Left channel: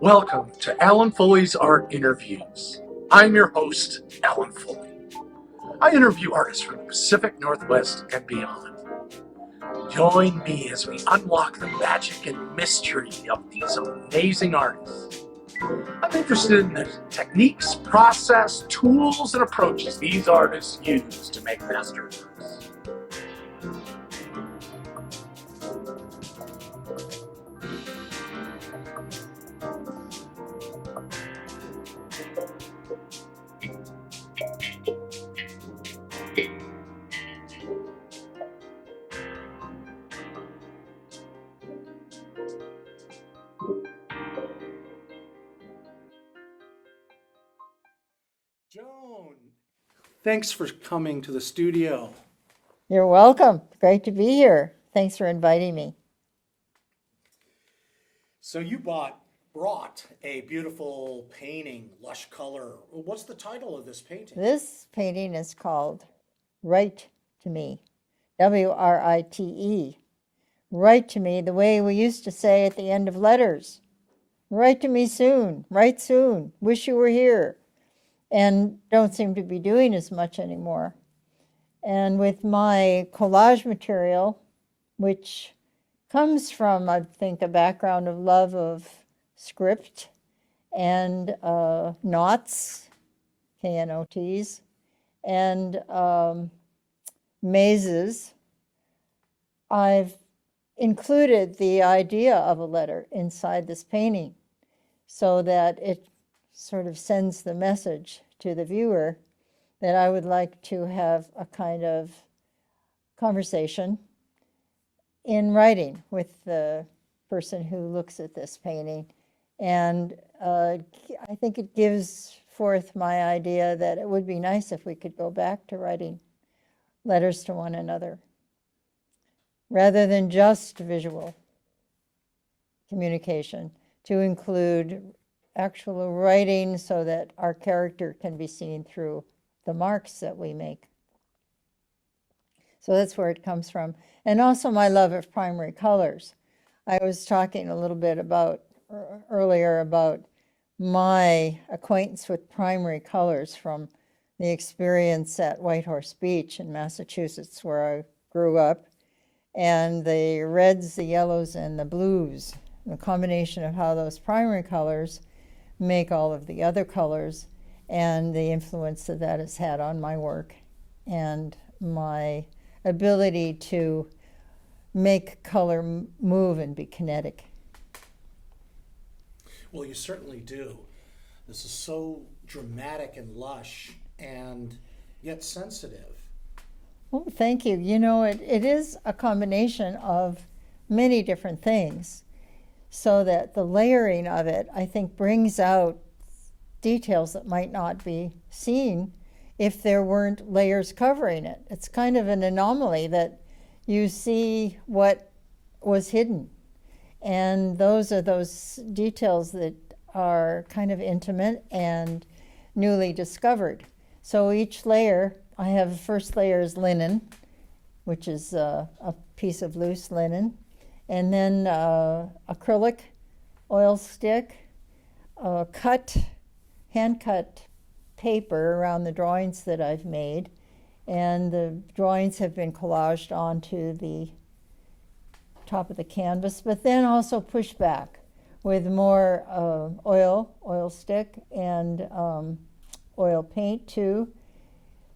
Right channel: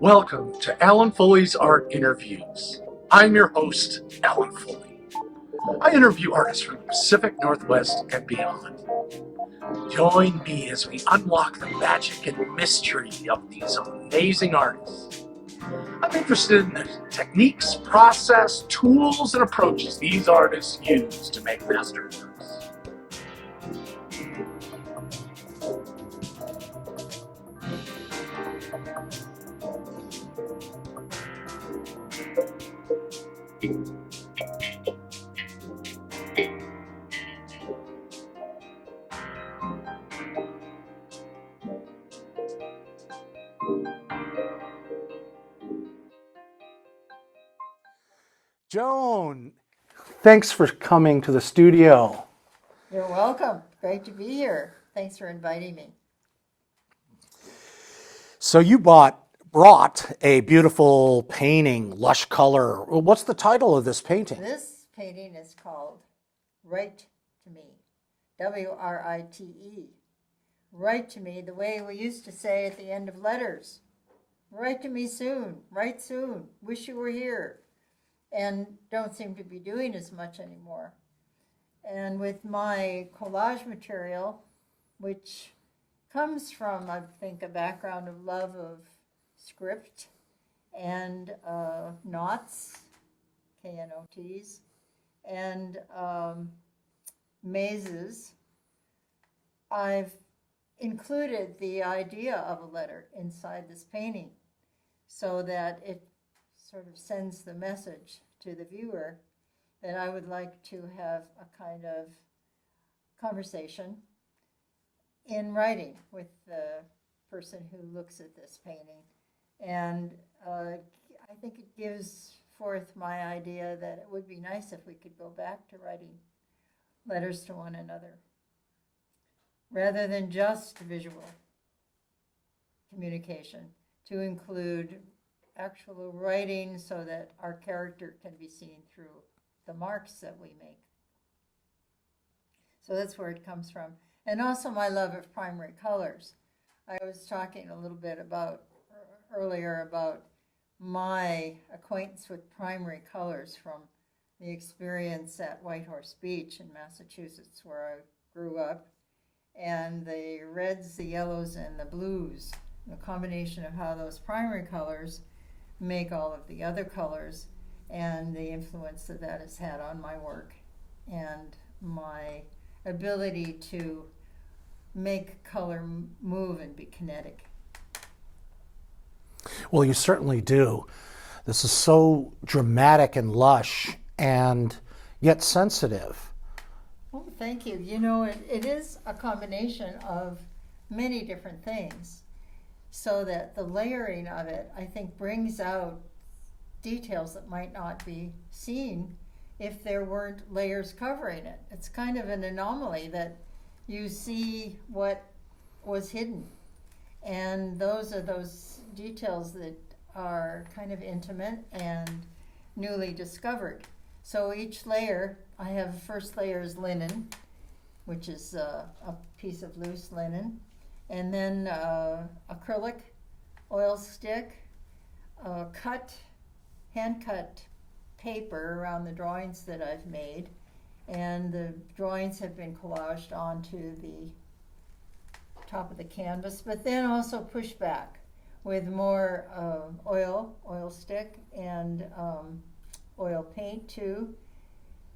Welcome to Alan Fulle's Art Interviews. I'm your host, Alan Fulle. I interview artists from the Pacific Northwest and beyond. Join me as we unlock the magic and mystery of these amazing artists. I'm interested in the techniques, process, tools, and approaches these artists use to make masterworks. Joan, thanks for coming to the studio. You're welcome. Great to be here. Thanks for inviting me. So you brought a beautiful painting, lush color. What's the title of this painting? This painting is called Write to Me, W-R-I-T-E. Write to me the way we used to say at the end of letters. Write to me soon, write soon, wish you were here. And don't seem to be doing as much anymore. And with my collage material, which comes from, I think, a background of love of script and knots, K-N-O-Ts, and mazes, I've included the idea of a letter inside this painting so that it sort of sends the message to the viewer that I would like to have a kind of conversation in writing with the person who looks at this painting. And I think it gives forth my idea that it would be nice if we could go back to writing letters to one another rather than just visual communication, to include actual writing so that our character can be seen through the marks that we make. So that's where it comes from. And also my love of primary colors. I was talking a little bit about earlier about my acquaintance with primary colors from the experience at Whitehorse Beach in Massachusetts, where I grew up, and the reds, the yellows, and the blues, the combination of how those primary colors make all of the other colors, and the influence that that has had on my work and my ability to make color move and be kinetic. Well, you certainly do. This is so dramatic and lush and yet sensitive. Oh, thank you. You know, it is a combination of many different things, so that the layering of it, I think, brings out details that might not be seen if there weren't layers covering it. It's kind of an anomaly that you see what was hidden. And those are those details that are kind of intimate and newly discovered. So each layer, I have first layer is linen, which is a piece of loose linen, and then acrylic oil stick, hand-cut paper around the drawings that I've made, and the drawings have been collaged onto the top of the canvas, but then also pushed back with more oil stick and oil paint too,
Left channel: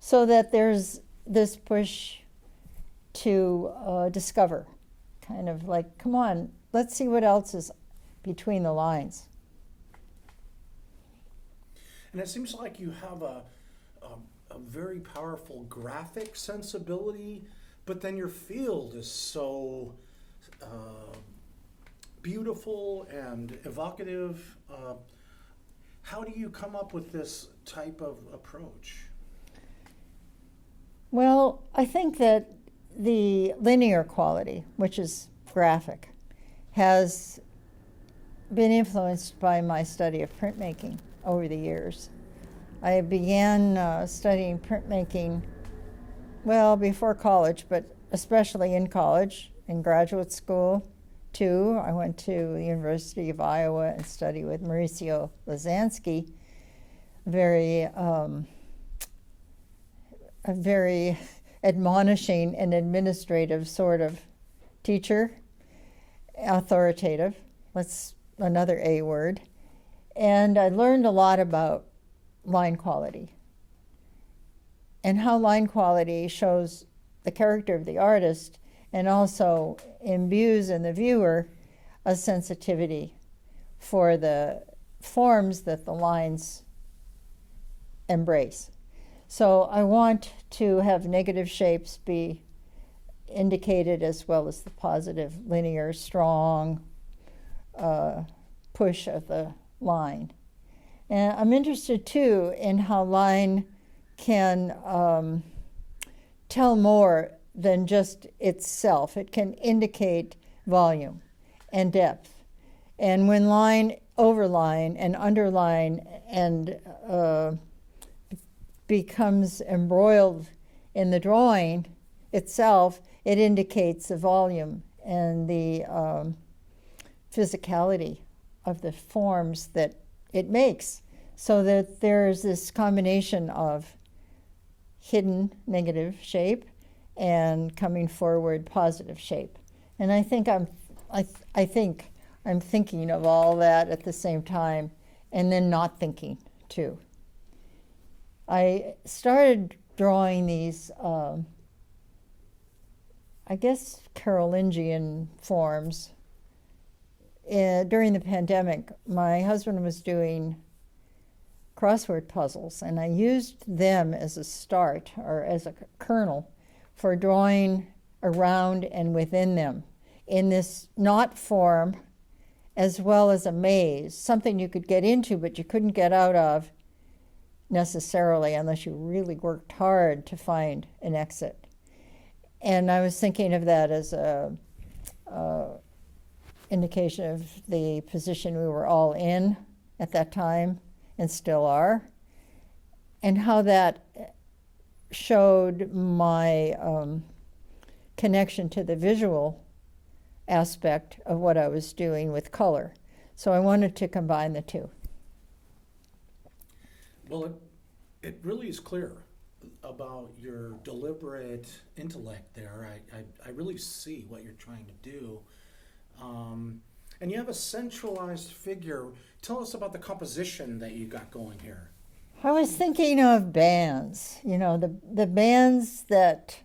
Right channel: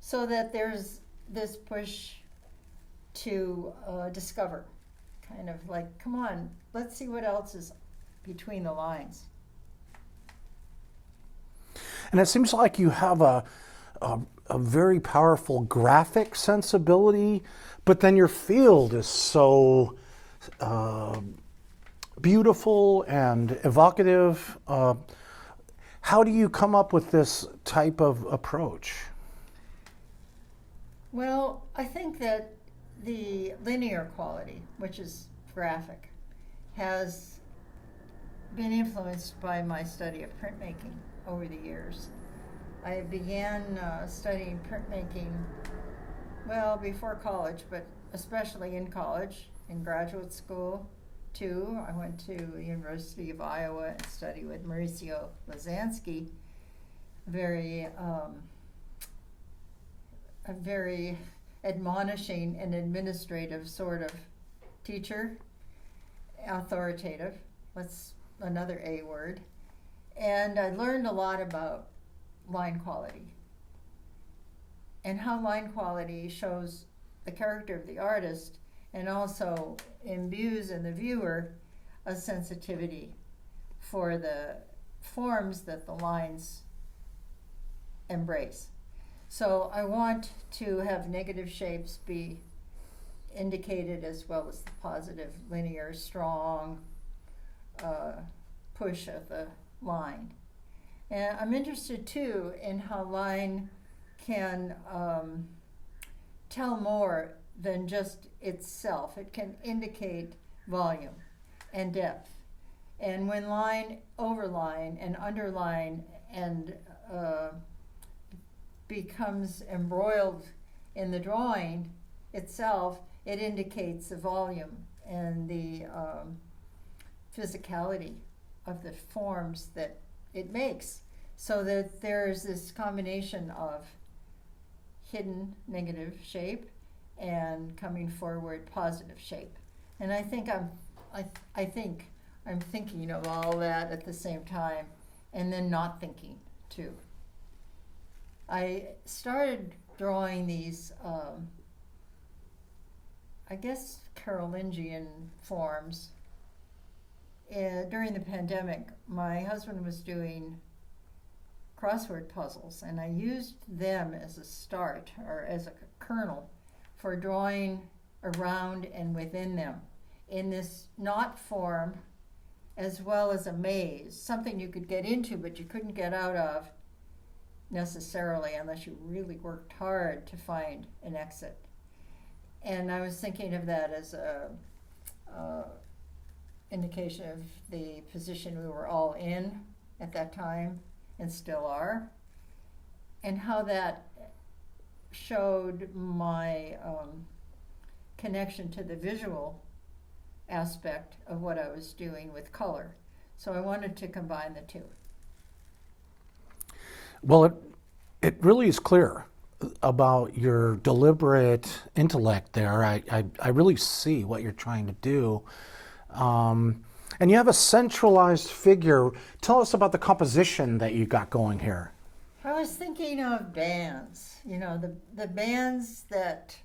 so that there's this push to discover, kind of like, come on, let's see what else is between the lines. And it seems like you have a very powerful graphic sensibility, but then your field is so beautiful and evocative. How do you come up with this type of approach? Well, I think that the linear quality, which is graphic, has been influenced by my study of printmaking over the years. I began studying printmaking, well, before college, but especially in college, in graduate school, too. I went to the University of Iowa and studied with Mauricio Lazansky, a very admonishing and administrative sort of teacher, authoritative. That's another A word. And I learned a lot about line quality and how line quality shows the character of the artist and also imbues in the viewer a sensitivity for the forms that the lines embrace. So I want to have negative shapes be indicated as well as the positive, linear, strong push of the line. And I'm interested too in how line can tell more than just itself. It can indicate volume and depth. And when line, overline, and underline and becomes embroiled in the drawing itself, it indicates the volume and the physicality of the forms that it makes, so that there's this combination of hidden negative shape and coming forward positive shape. And I think I'm thinking of all that at the same time, and then not thinking too. I started drawing these, I guess, Carolingian forms during the pandemic. My husband was doing crossword puzzles, and I used them as a start, or as a kernel, for drawing around and within them in this knot form, as well as a maze, something you could get into but you couldn't get out of necessarily unless you really worked hard to find an exit. And I was thinking of that as a indication of the position we were all in at that time and still are, and how that showed my connection to the visual aspect of what I was doing with color. So I wanted to combine the two. Well, it really is clear about your deliberate intellect there. I really see what you're trying to do. And you have a centralized figure. Tell us about the composition that you got going here. I was thinking of bands, you know, the bands that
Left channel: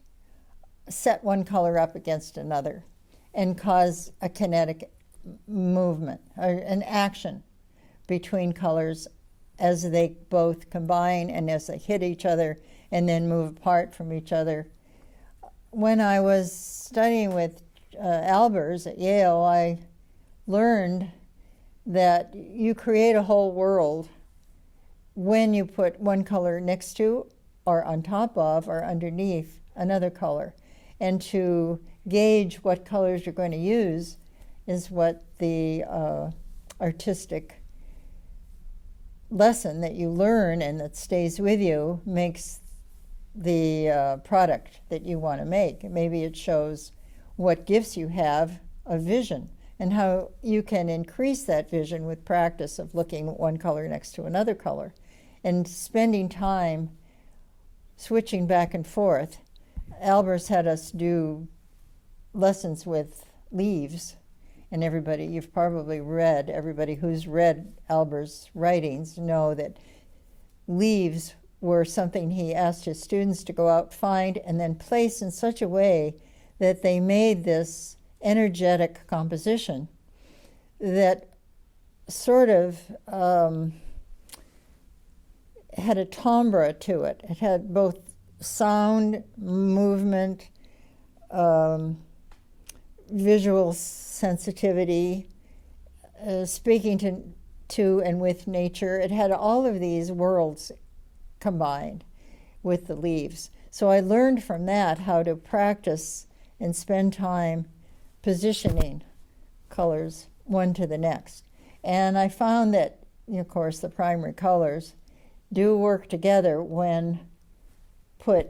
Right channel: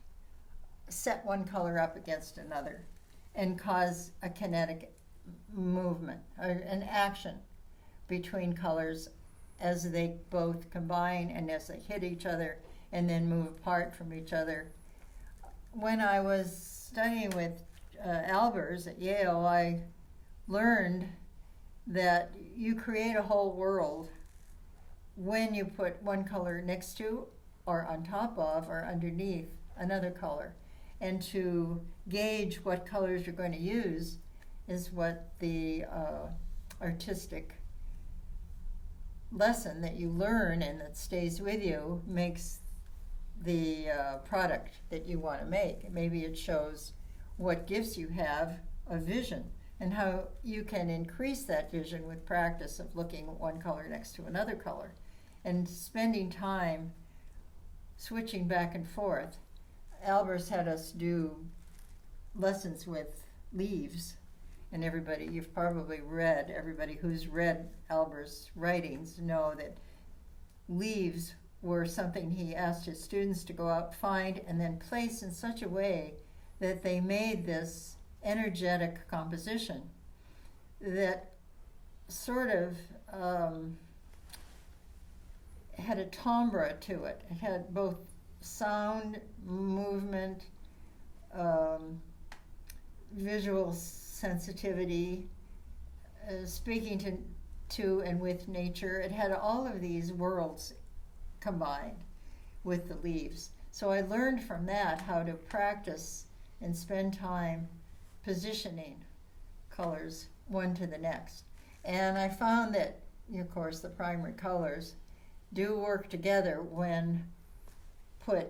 set one color up against another and cause a kinetic movement or an action between colors as they both combine and as they hit each other and then move apart from each other. When I was studying with Albers at Yale, I learned that you create a whole world when you put one color next to or on top of or underneath another color. And to gauge what colors you're going to use is what the artistic lesson that you learn and that stays with you makes the product that you want to make. Maybe it shows what gifts you have of vision and how you can increase that vision with practice of looking at one color next to another color and spending time switching back and forth. Albers had us do lessons with leaves, and everybody who's read Albers' writings know that leaves were something he asked his students to go out, find, and then place in such a way that they made this energetic composition that sort of had a timbre to it. It had both sound, movement, visual sensitivity, speaking to and with nature. It had all of these worlds combined with the leaves. So I learned from that how to practice and spend time positioning colors one to the next. And I found that, of course, the primary colors do work together when put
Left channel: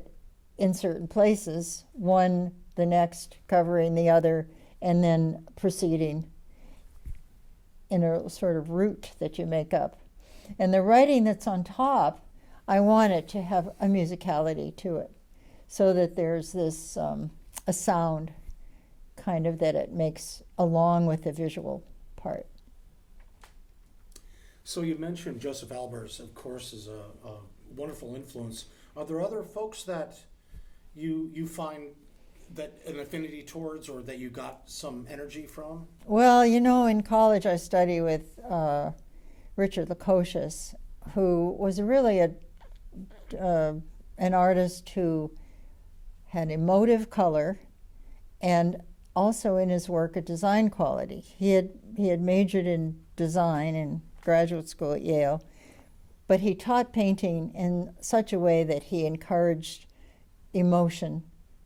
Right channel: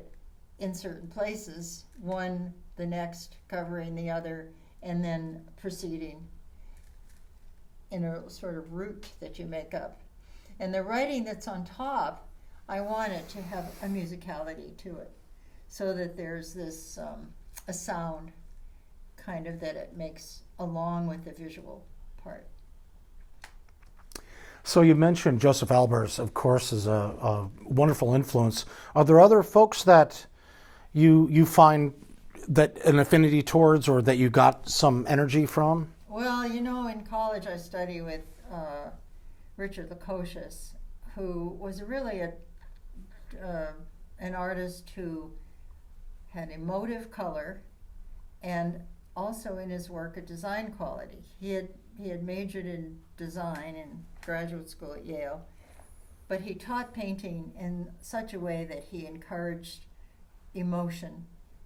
in certain places, one the next covering the other and then proceeding in a sort of route that you make up. And the writing that's on top, I want it to have a musicality to it, so that there's this a sound kind of that it makes along with the visual part. So you mentioned Joseph Albers, of course, is a wonderful influence. Are there other folks that you find that an affinity towards, or that you got some energy from? Well, you know, in college I studied with Richard Lukosius, who was really an artist who had emotive color and also in his work a design quality. He had majored in design in graduate school at Yale, but he taught painting in such a way that he encouraged emotion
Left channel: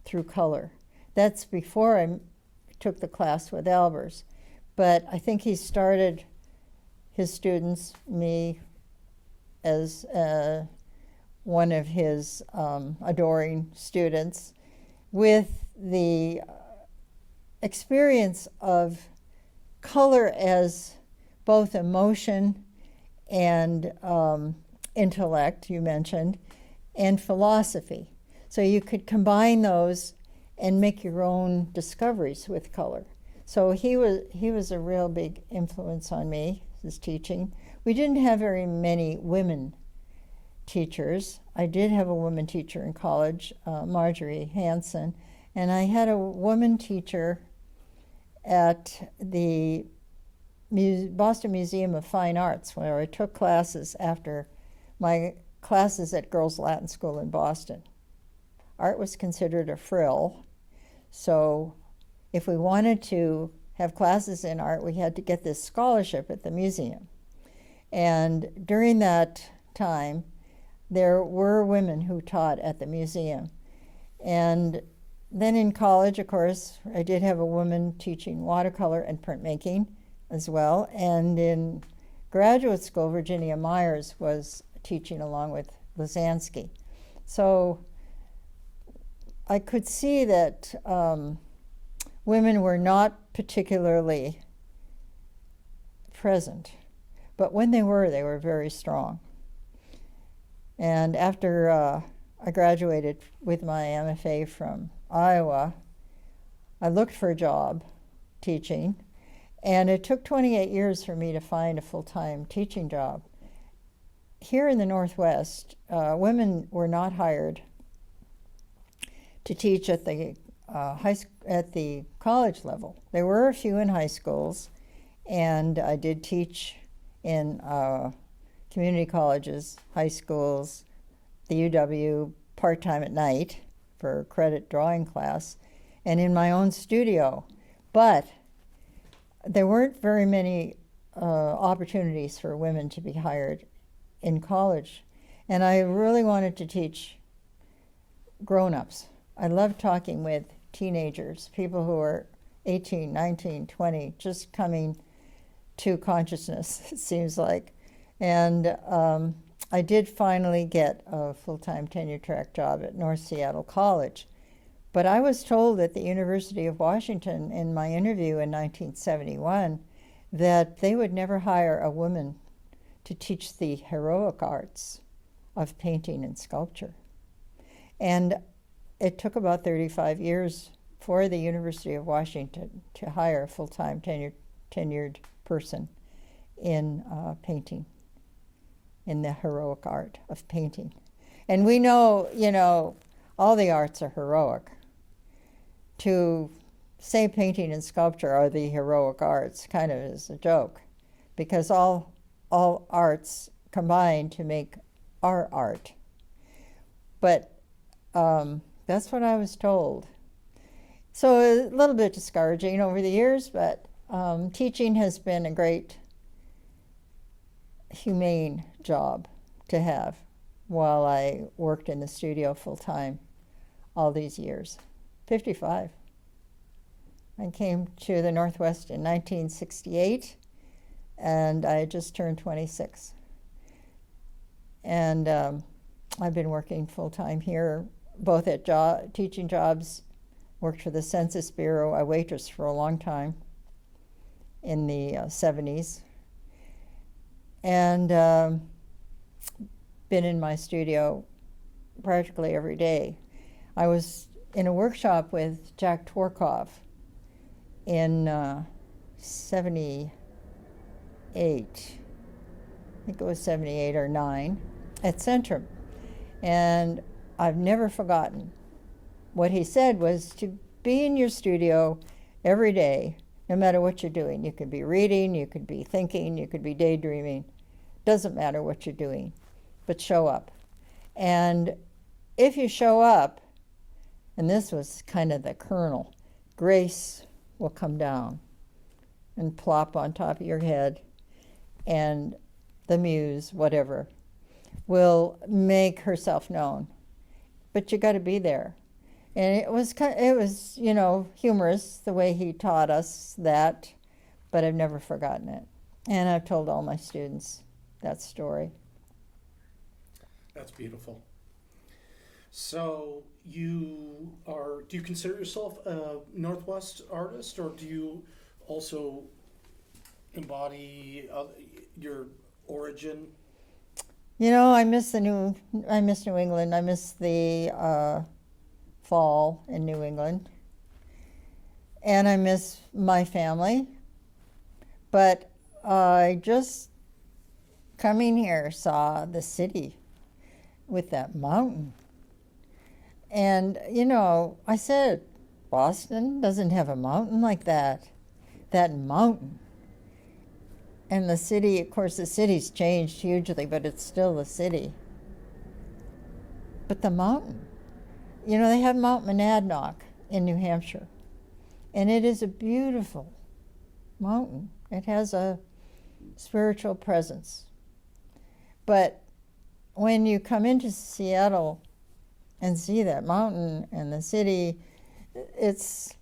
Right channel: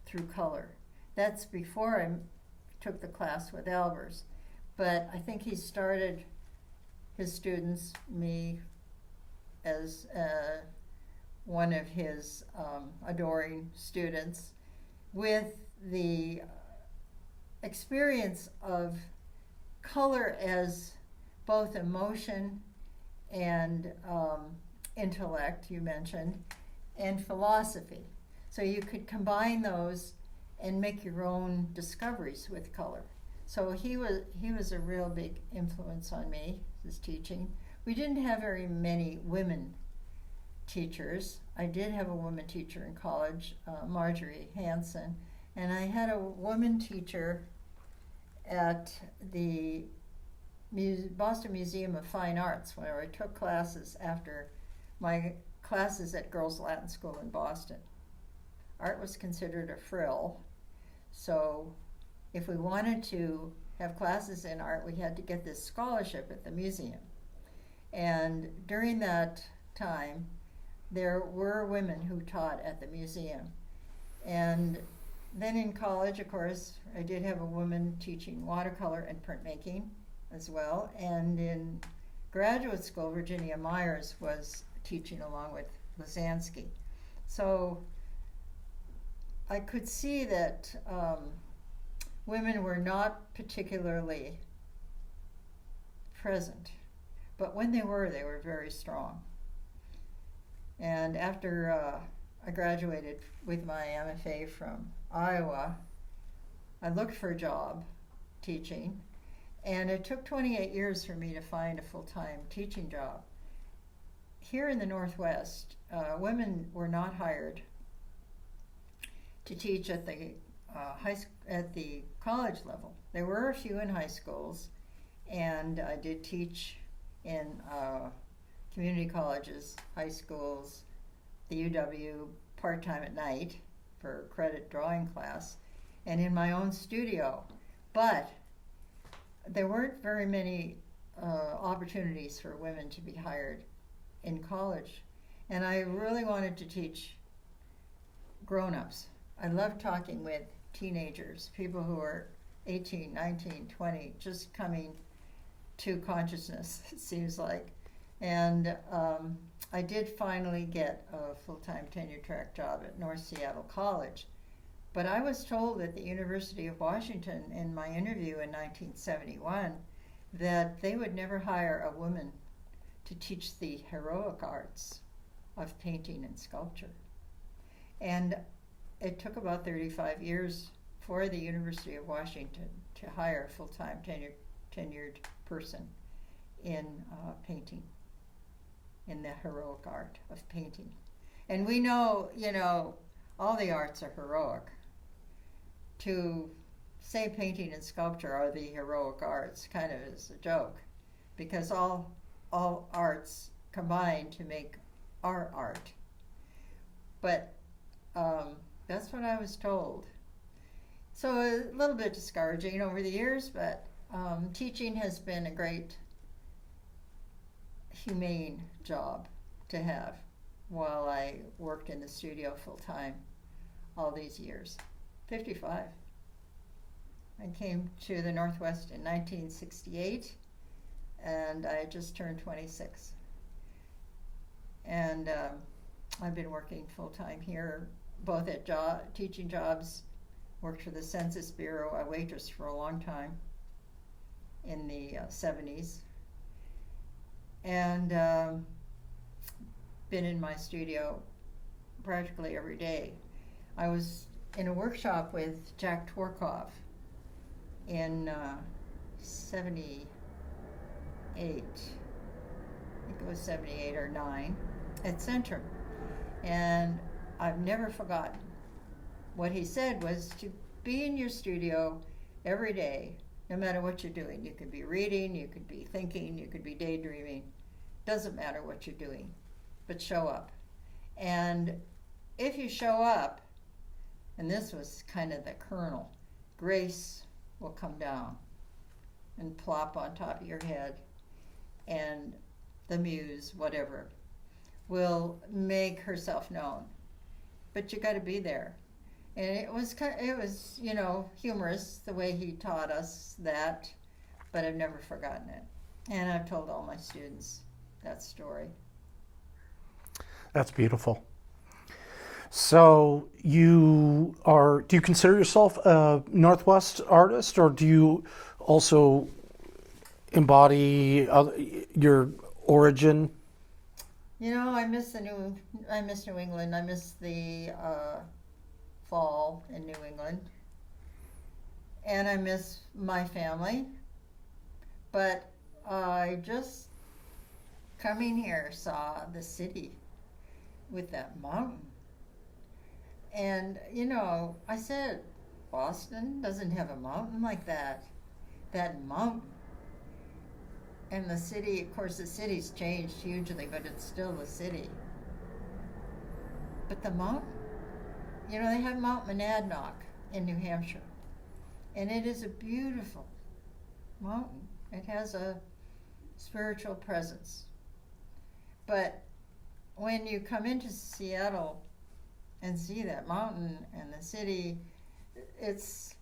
through color. That's before I took the class with Albers, but I think he started his students, me as one of his adoring students, with the experience of color as both emotion and intellect, you mentioned, and philosophy. So you could combine those and make your own discoveries with color. So he was a real big influence on me, his teaching. We didn't have very many women teachers. I did have a woman teacher in college, Marjorie Hansen, and I had a woman teacher at the Boston Museum of Fine Arts, where I took classes after my classes at Girls Latin School in Boston. Art was considered a frill, so if we wanted to have classes in art, we had to get this scholarship at the museum. And during that time, there were women who taught at the museum. And then in college, of course, I did have a woman teaching watercolor and printmaking as well. And in graduate school, Virginia Myers was teaching along with Lasansky. So I could see that women were not particularly present, but when they were very strong. And after I graduated with my MFA from Iowa, I looked for a job teaching, and it took 28 years for me to find a full-time teaching job. Here in the Northwest, women were not hired to teach at the college level. There were a few in high schools, and I did teach in community colleges, high schools, the UW part-time at night for credit drawing class, and in my own studio. But there weren't very many opportunities for women to be hired in college. And I really wanted to teach grown-ups. I love talking with teenagers, people who are 18, 19, 20, just coming to consciousness, it seems like. And I did finally get a full-time tenure-track job at North Seattle College. But I was told at the University of Washington in my interview in 1971 that they would never hire a woman to teach the heroic arts of painting and sculpture. And it took about 35 years for the University of Washington to hire a full-time tenured person in painting, in the heroic art of painting. And we know, all the arts are heroic. To say painting and sculpture are the heroic arts kind of is a joke, because all arts combine to make our art. But that's what I was told. So a little bit discouraging over the years, but teaching has been a great, humane job to have while I worked in the studio full-time all these years. 55. I came to the Northwest in 1968, and I just turned 26. And I've been working full-time here, both at teaching jobs worked for the Census Bureau. I waitressed for a long time in the 70s. And been in my studio practically every day. I was in a workshop with Jack Tworkov in 78. I think it was 78 or 9 at Centrum. And I've never forgotten. What he said was to be in your studio every day, no matter what you're doing. You could be reading, you could be thinking, you could be daydreaming. Doesn't matter what you're doing, but show up. And if you show up, and this was kind of the kernel, grace will come down and plop on top of your head, and the muse, whatever, will make herself known. But you got to be there. And it was humorous the way he taught us that, but I've never forgotten it. And I've told all my students that story. That's beautiful. So do you consider yourself a Northwest artist, or do you also embody your origin? I miss New England. I miss the fall in New England. And I miss my family. But I just, coming here, saw the city with that mountain. And, I said, Boston doesn't have a mountain like that. That mountain. And the city, of course, the city's changed hugely, but it's still the city. But the mountain. They have Mount Monadnock in New Hampshire. And it is a beautiful mountain. It has a spiritual presence. But when you come into Seattle and see that mountain and the city, it's,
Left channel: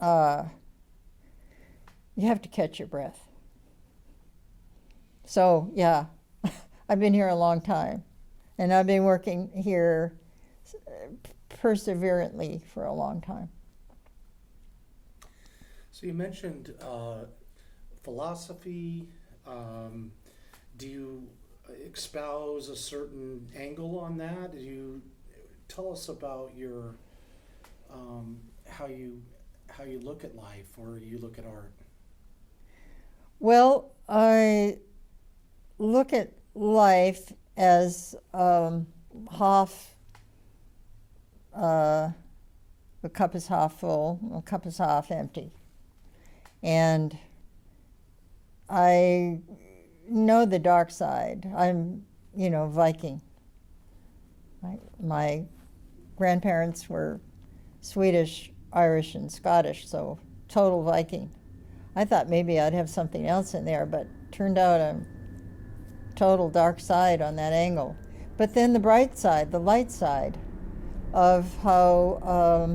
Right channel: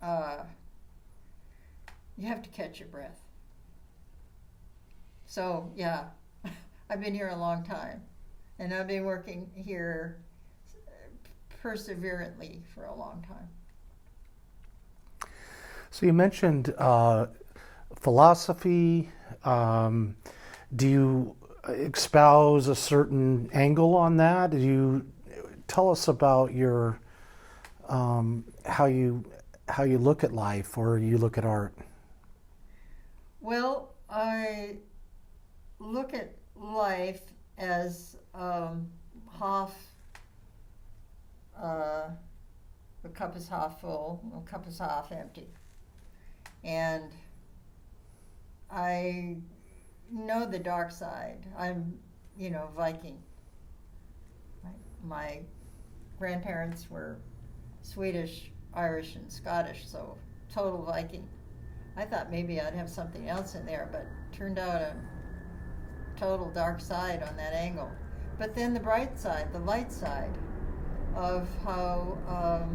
you have to catch your breath. So, yeah, I've been here a long time. And I've been working here perseverantly for a long time. So you mentioned philosophy. Do you espouse a certain angle on that? Do you tell us about your how you look at life, or you look at art? Well, I look at life as half. The cup is half full, the cup is half empty. And I know the dark side. I'm, Viking. My grandparents were Swedish, Irish, and Scottish, so total Viking. I thought maybe I'd have something else in there, but turned out a total dark side on that angle. But then the bright side, the light side, of how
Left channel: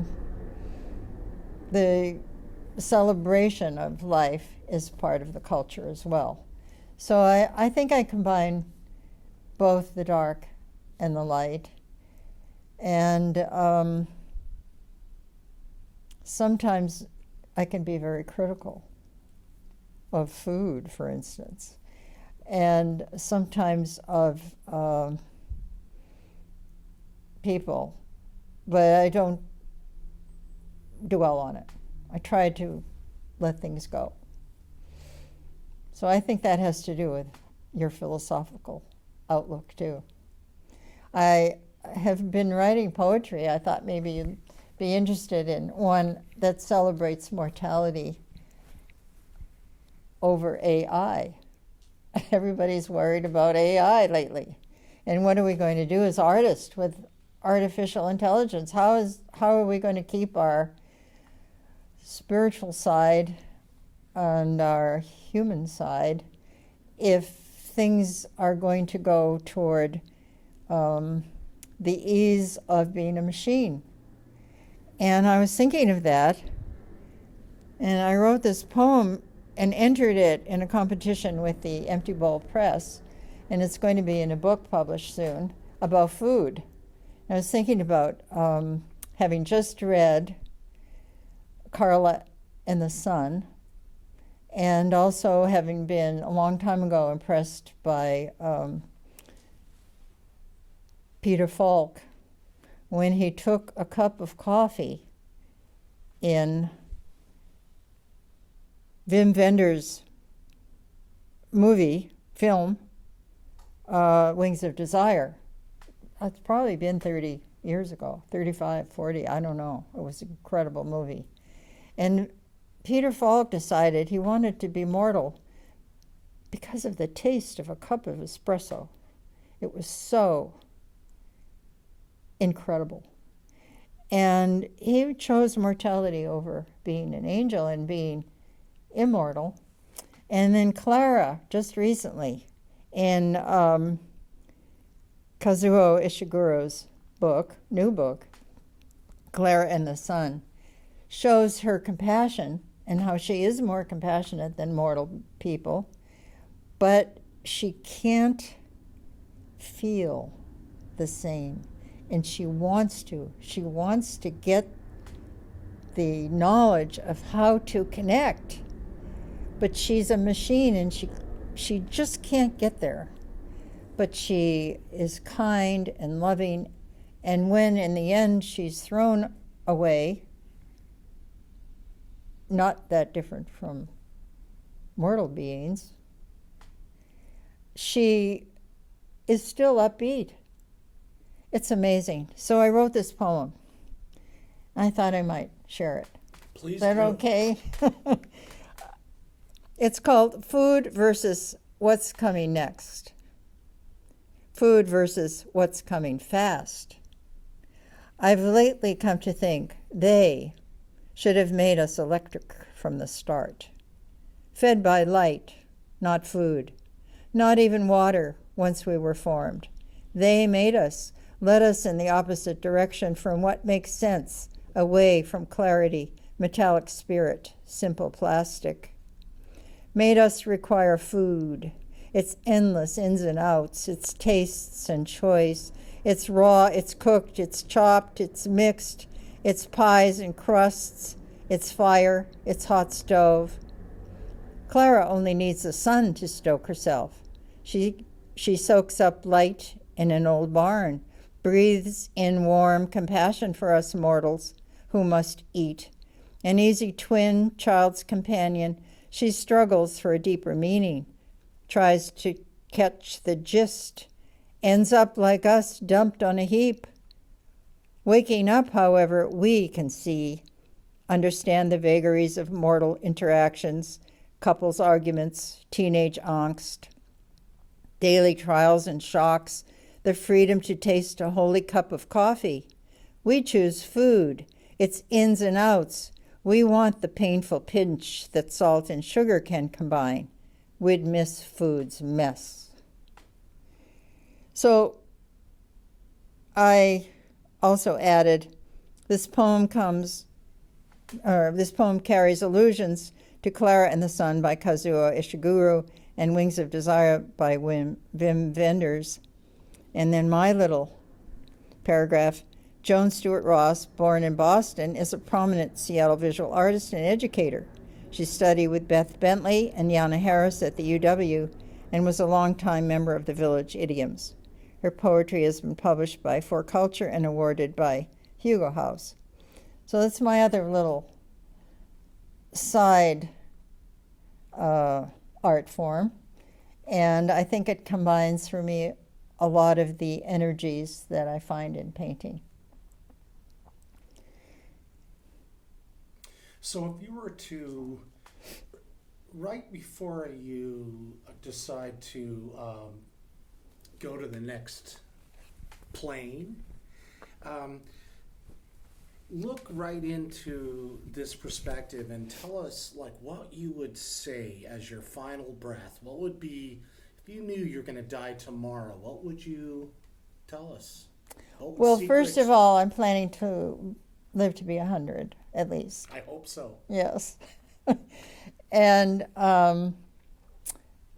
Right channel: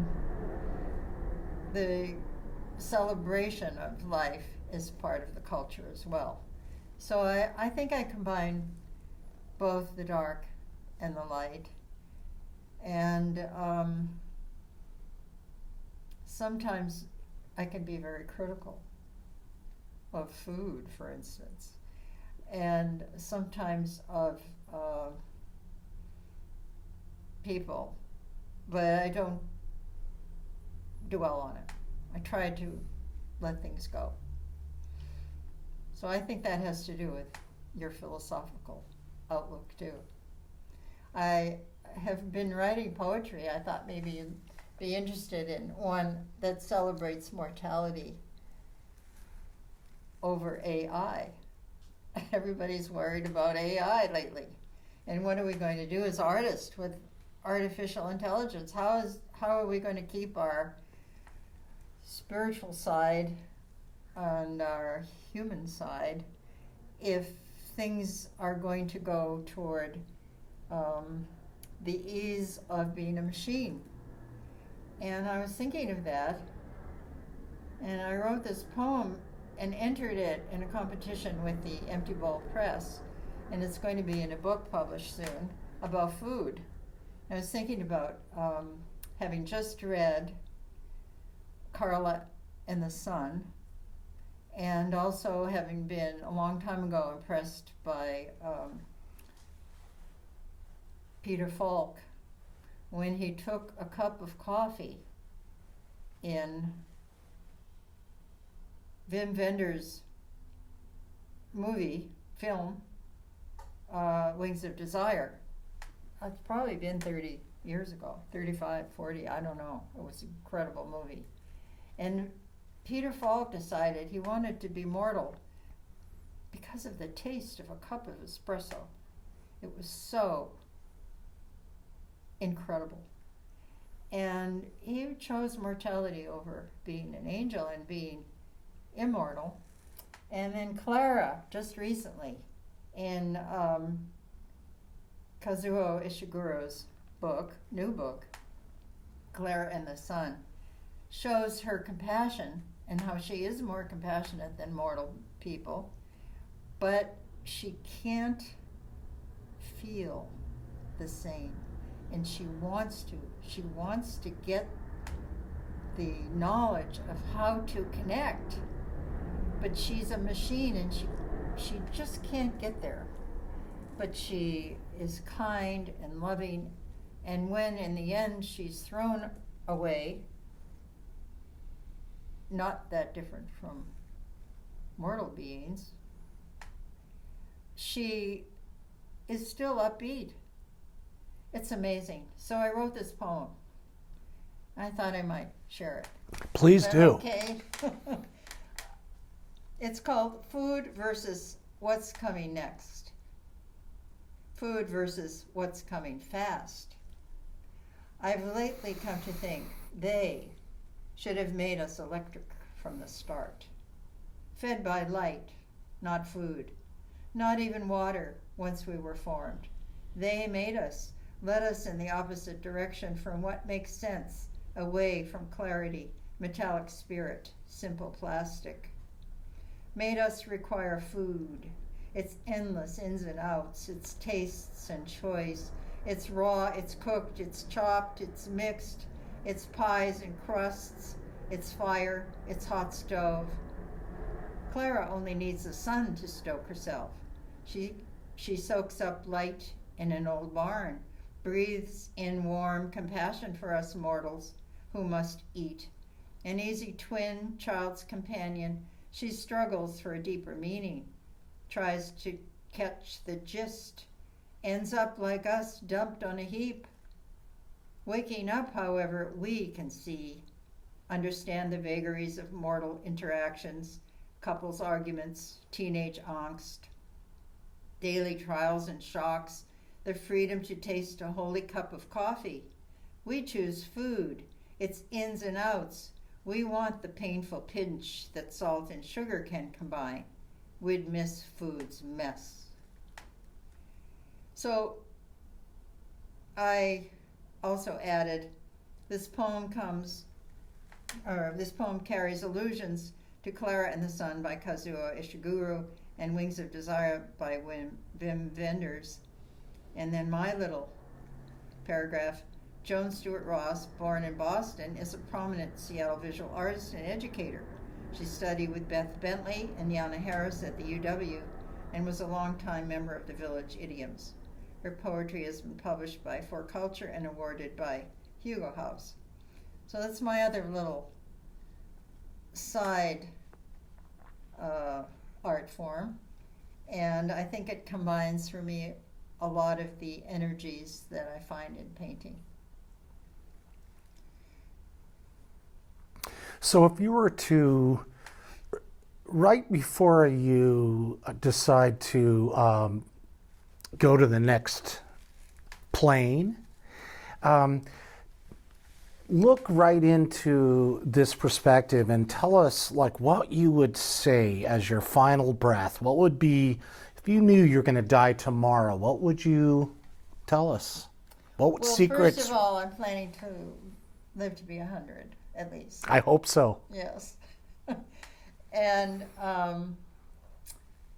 the celebration of life is part of the culture as well. So I think I combine both the dark and the light. And sometimes I can be very critical of food, for instance, and sometimes of people. But I don't dwell on it. I try to let things go. So I think that has to do with your philosophical outlook too. I have been writing poetry. I thought maybe you'd be interested in one that celebrates mortality over AI. Everybody's worried about AI lately. And what are we going to do as artists with artificial intelligence? How are we going to keep our spiritual side and our human side if things are going to go toward the ease of being a machine? And I was thinking of that, and I wrote this poem and entered it in a competition with the Empty Bowl Press, and it's going to be in a book published soon about food. I was thinking about having just read Carla and the Sun, and also having been a long time ago impressed by Peter Falk when he took a cup of coffee in Wim Wenders' film, Wings of Desire. It's probably been 30 years ago, 35, 40, I don't know. It was an incredible movie. And Peter Falk decided he wanted to be mortal because of the taste of a cup of espresso. It was so incredible. And he chose mortality over being an angel and being immortal. And then Clara, just recently, in Kazuo Ishiguro's new book, Clara and the Sun, shows her compassion and how she is more compassionate than mortal people, but she can't feel the same. And she wants to. She wants to get the knowledge of how to connect. But she's a machine and she just can't get there. But she is kind and loving. And when in the end she's thrown away, not that different from mortal beings, she is still upbeat. It's amazing. So I wrote this poem. I thought I might share it. Please Is that do. okay? It's called Food versus What's Coming Next. Food versus what's coming fast. I've lately come to think they should have made us electric from the start. Fed by light, not food. Not even water once we were formed. They made us, led us in the opposite direction from what makes sense, away from clarity, metallic spirit, simple plastic. Made us require food, its endless ins and outs, its tastes and choice. It's raw, it's cooked, it's chopped, it's mixed, it's pies and crusts, it's fire, it's hot stove. Clara only needs the sun to stoke herself. She soaks up light in an old barn, breathes in warm compassion for us mortals who must eat. An easy twin, child's companion, she struggles for a deeper meaning, tries to catch the gist, ends up like us, dumped on a heap. Waking up, however, we can see, understand the vagaries of mortal interactions, couples' arguments, teenage angst, daily trials and shocks, the freedom to taste a holy cup of coffee. We choose food, its ins and outs. We want the painful pinch that salt and sugar can combine. We'd miss food's mess. So I also added, this poem carries allusions to Clara and the Sun by Kazuo Ishiguro and Wings of Desire by Wim Wenders. And then my little paragraph, Joan Stuart Ross, born in Boston, is a prominent Seattle visual artist and educator. She studied with Beth Bentley and Yana Harris at the UW and was a longtime member of the Village Idioms. Her poetry has been published by For Culture and awarded by Hugo House. So that's my other little side art form. And I think it combines for me a lot of the energies that I find in painting. So if you were to, right before you decide to go to the next plane, look right into this perspective and tell us like what you would say as your final breath. What would be, if you knew you're going to die tomorrow, what would you tell us? What Well, secrets? first of all, I'm planning to live to be 100 at least. I hope so. Yes. And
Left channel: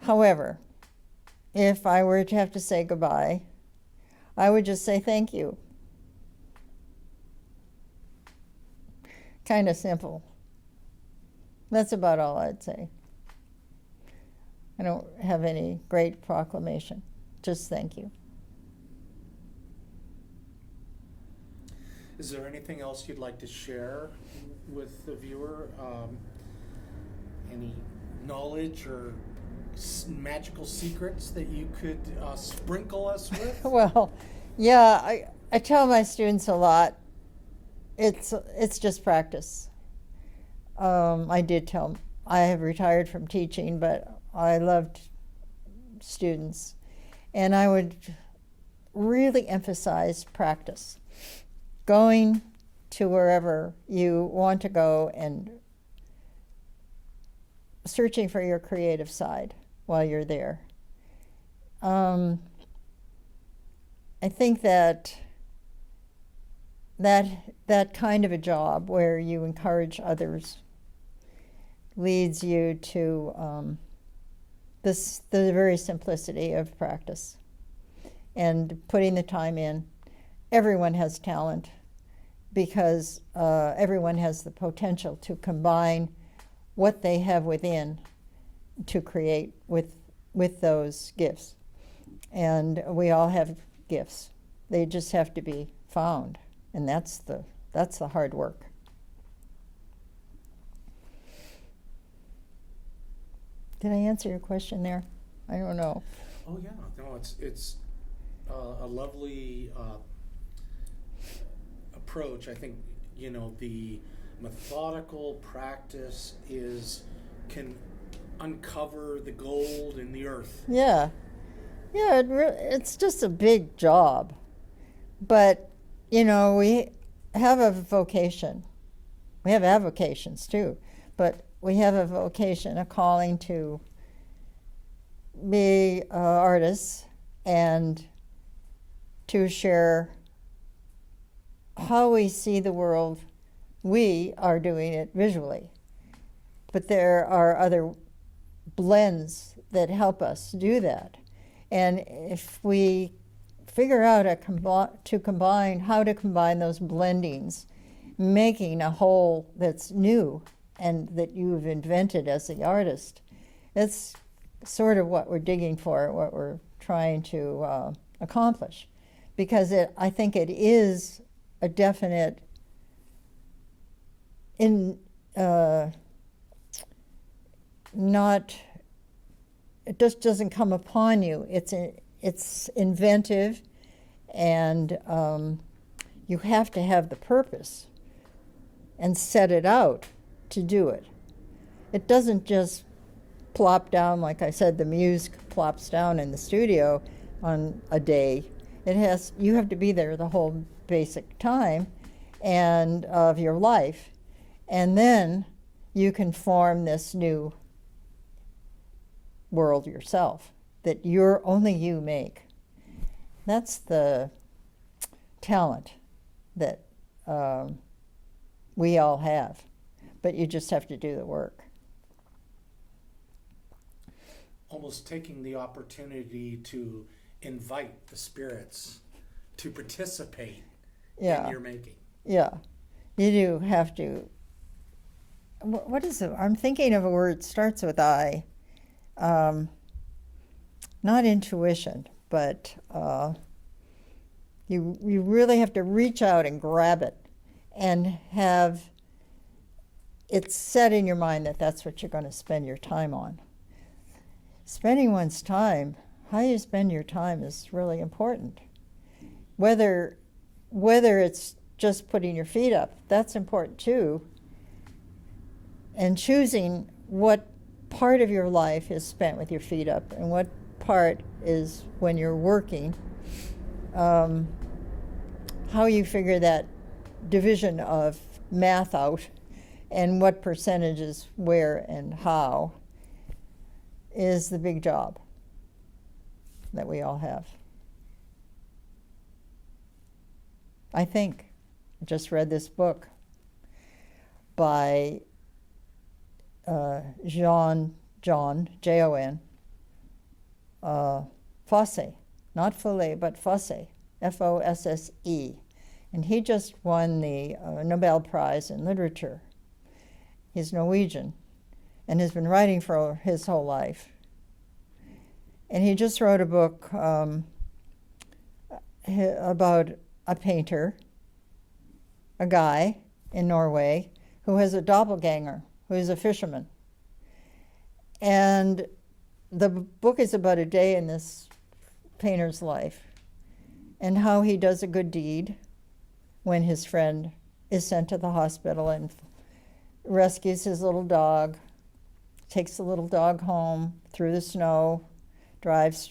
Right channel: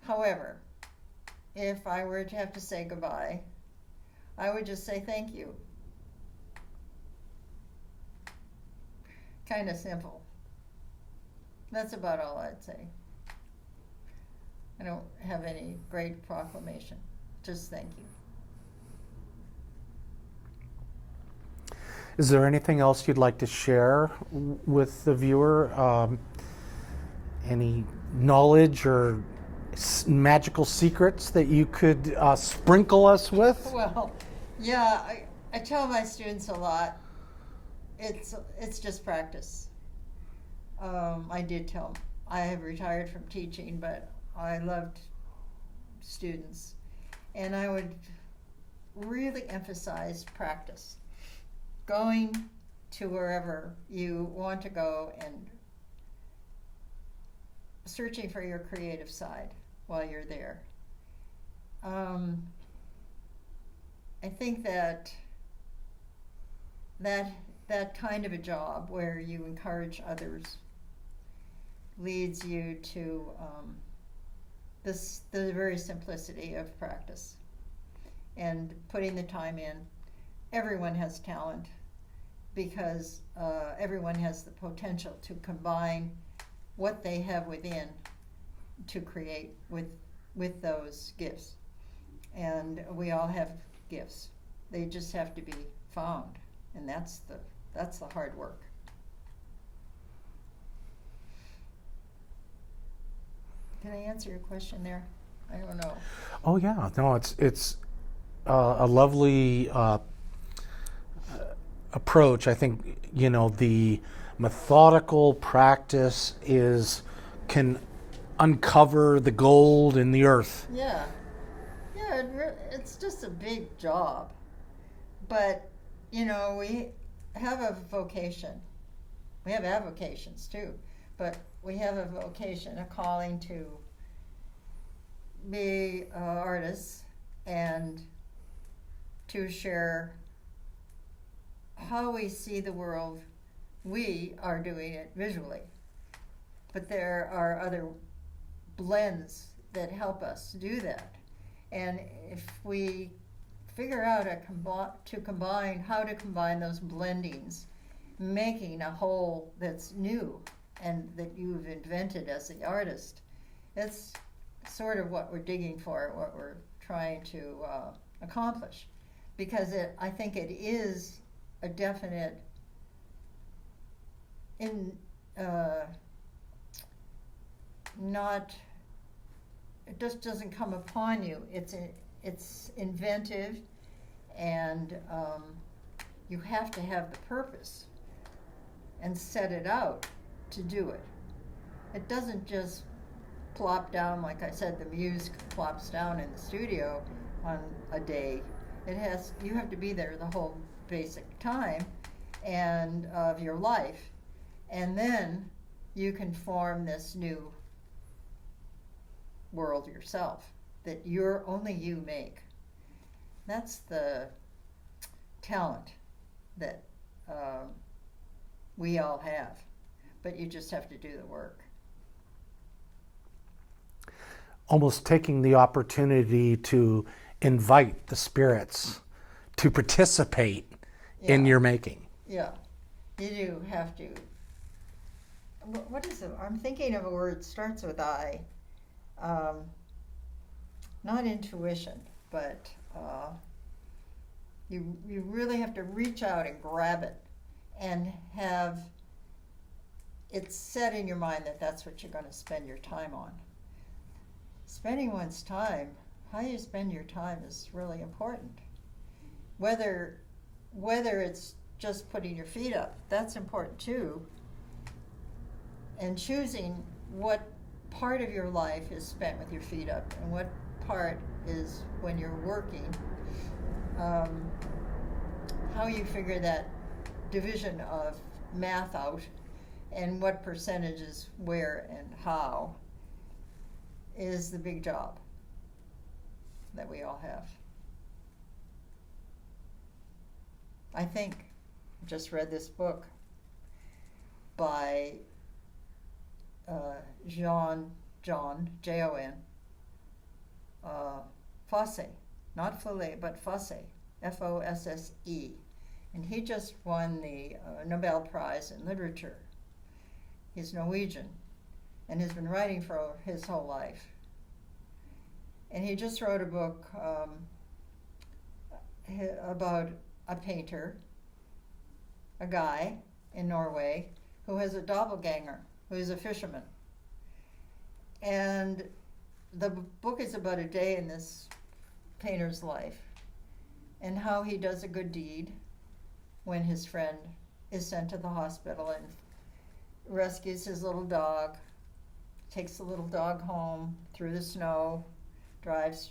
however, if I were to have to say goodbye, I would just say thank you. Kind of simple. That's about all I'd say. I don't have any great proclamation. Just thank you. Is there anything else you'd like to share with the viewer? Any knowledge or magical secrets that you could sprinkle us with? Well, yeah, I tell my students a lot. It's just practice. I did tell them I have retired from teaching, but I loved students, and I would really emphasize practice. Going to wherever you want to go and searching for your creative side while you're there. I think that kind of a job where you encourage others leads you to the very simplicity of practice and putting the time in. Everyone has talent because everyone has the potential to combine what they have within to create with those gifts. And we all have gifts. They just have to be found, and that's the hard work. Did I answer your question there? I don't know. Oh yeah, no, it's a lovely approach. I think the methodical practice can uncover the gold in the earth. Yeah, it's just a big job, but we have a vocation. We have avocations too, but we have a vocation, a calling to be artists and to share how we see the world. We are doing it visually, but there are other blends that help us do that. And if we figure out how to combine those blendings, making a whole that's new and that you've invented as the artist, that's sort of what we're digging for, what we're trying to accomplish. Because I think it is a definite it just doesn't come upon you. It's inventive, and you have to have the purpose and set it out to do it. It doesn't just plop down, like I said, the muse plops down in the studio on a day. You have to be there the whole basic time and of your life, and then you can form this new world yourself that only you make. That's the talent that we all have, but you just have to do the work. Almost taking the opportunity to invite the spirits to participate in your making. Yeah, you do have to. What is it? I'm thinking of a word that starts with I. Not intuition, but you really have to reach out and grab it and have it set in your mind that that's what you're going to spend your time on. Spending one's time, how you spend your time is really important. Whether it's just putting your feet up, that's important too. And choosing what part of your life is spent with your feet up and what part is when you're working. How you figure that division of math out and what percentages where and how is the big job that we all have. I think I just read this book by Joan, Jon, Fosse, not Fulle, but Fosse, Fosse. And he just won the Nobel Prize in Literature. He's Norwegian. and has been writing for his whole life. And he just wrote a book about a painter, a guy in Norway, who has a doppelganger, who is a fisherman. And the book is about a day in this painter's life and how he does a good deed when his friend is sent to the hospital and rescues his little dog, takes the little dog home through the snow, drives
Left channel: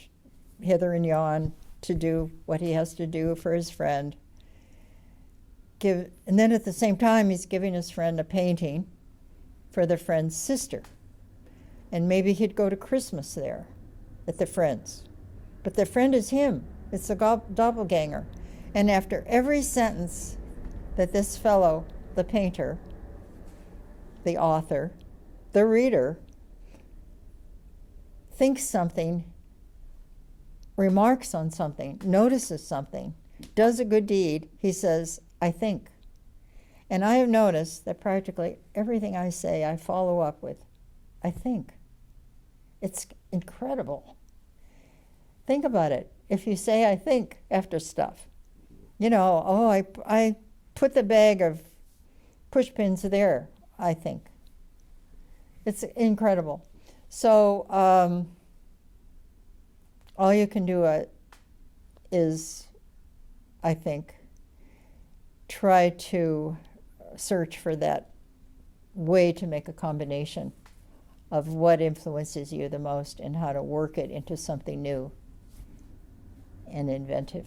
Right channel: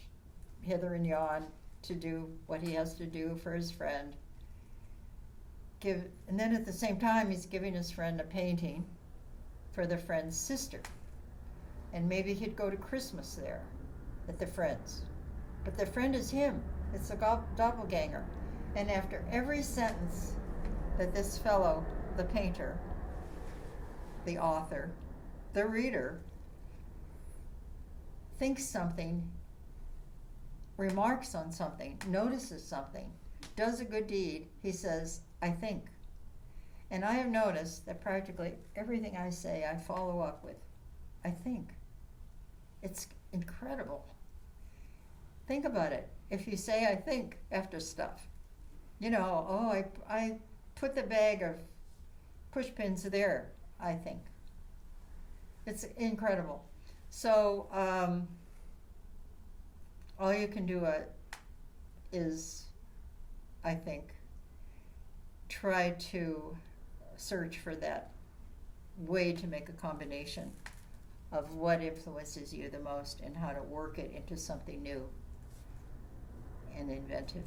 hither and yon to do what he has to do for his friend. And then at the same time, he's giving his friend a painting for the friend's sister. And maybe he'd go to Christmas there at the friend's. But the friend is him. It's a doppelganger. And after every sentence that this fellow, the painter, the author, the reader, thinks something, remarks on something, notices something, does a good deed, he says, I think. And I have noticed that practically everything I say, I follow up with, I think. It's incredible. Think about it. If you say, I think, after stuff, I put the bag of push pins there, I think. It's incredible. So all you can do is, I think, try to search for that way to make a combination of what influences you the most and how to work it into something new and inventive,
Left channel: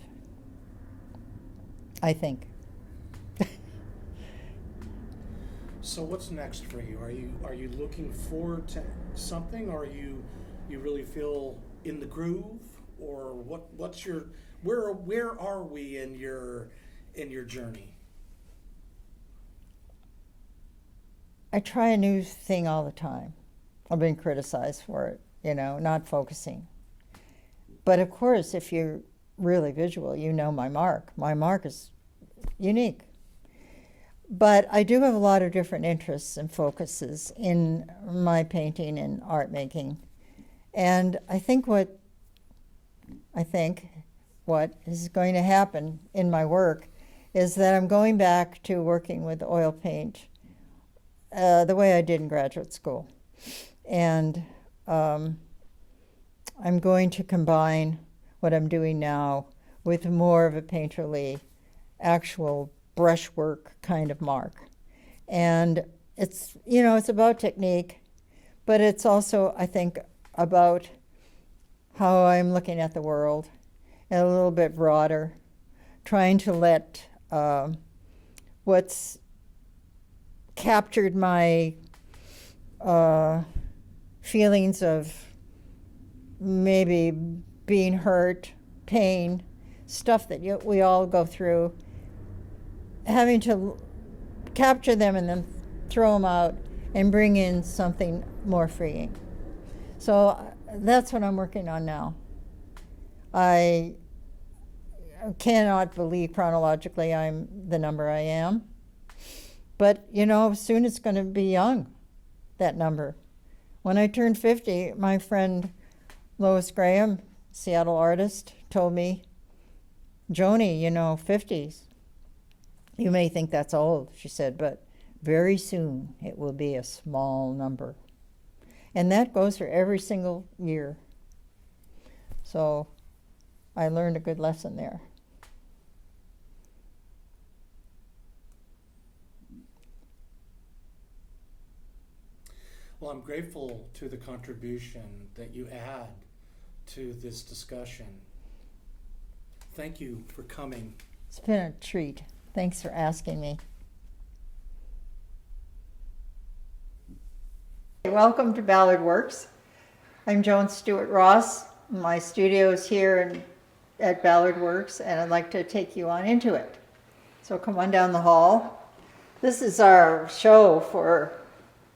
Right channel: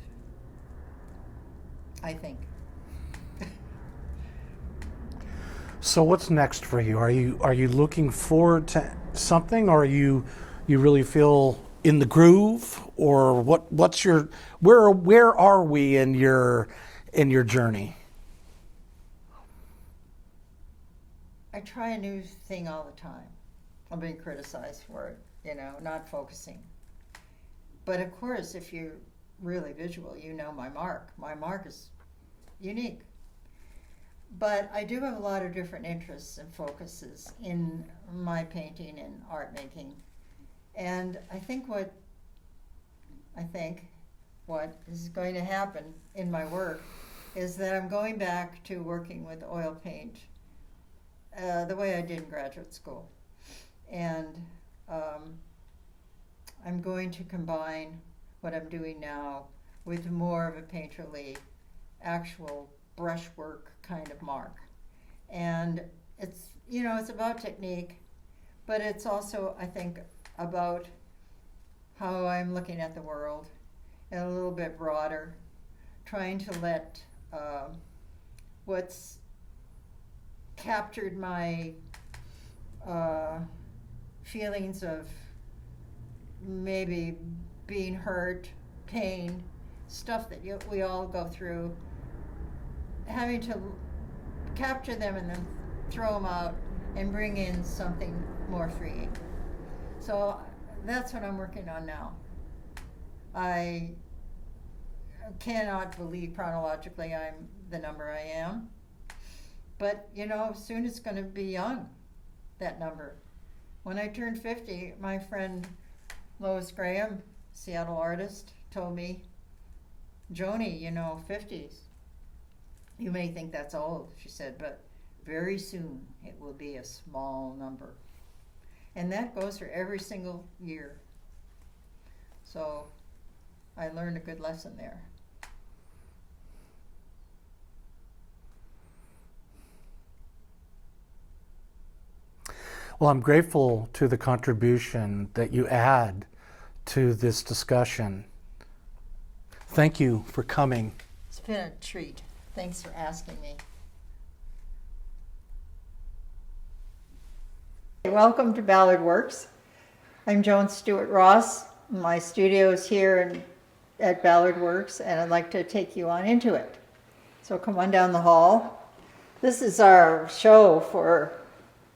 I think. So what's next for you? Are you looking forward to something, or you really feel in the groove, or what's your where are we in your journey? I try a new thing all the time. I've been criticized for it, not focusing. But of course, if you're really visual, you know my mark. My mark is unique. But I do have a lot of different interests and focuses in my painting and art making. And I think what is going to happen in my work is that I'm going back to working with oil paint the way I did in graduate school. And I'm going to combine what I'm doing now with more of a painterly, actual brushwork kind of mark. And it's about technique, but it's also, I think, about how I'm looking at the world and a little bit broader, trying to let what's captured my feelings of maybe being hurt, pain, stuff that we all go through, having to capture them and then throw them out and bring in something more freeing. So that's what I'm working on now. I cannot believe chronologically I'm the number I am. But, soon it's going to be young, that number. When I turned 50, my friend Lois Graham, Seattle artist, told me, Joni, 50s. You may think that's old, she said, but very soon it will be a small number. And that goes for every single year. So I learned a good lesson there. Well, I'm grateful to the contribution that you add to this discussion. Thank you for coming. It's been a treat. Thanks for asking me. Welcome to Ballard Works. I'm Joan Stuart Ross. My studio is here at Ballard Works, and I'd like to take you on into it. So come on down the hall. This is our show for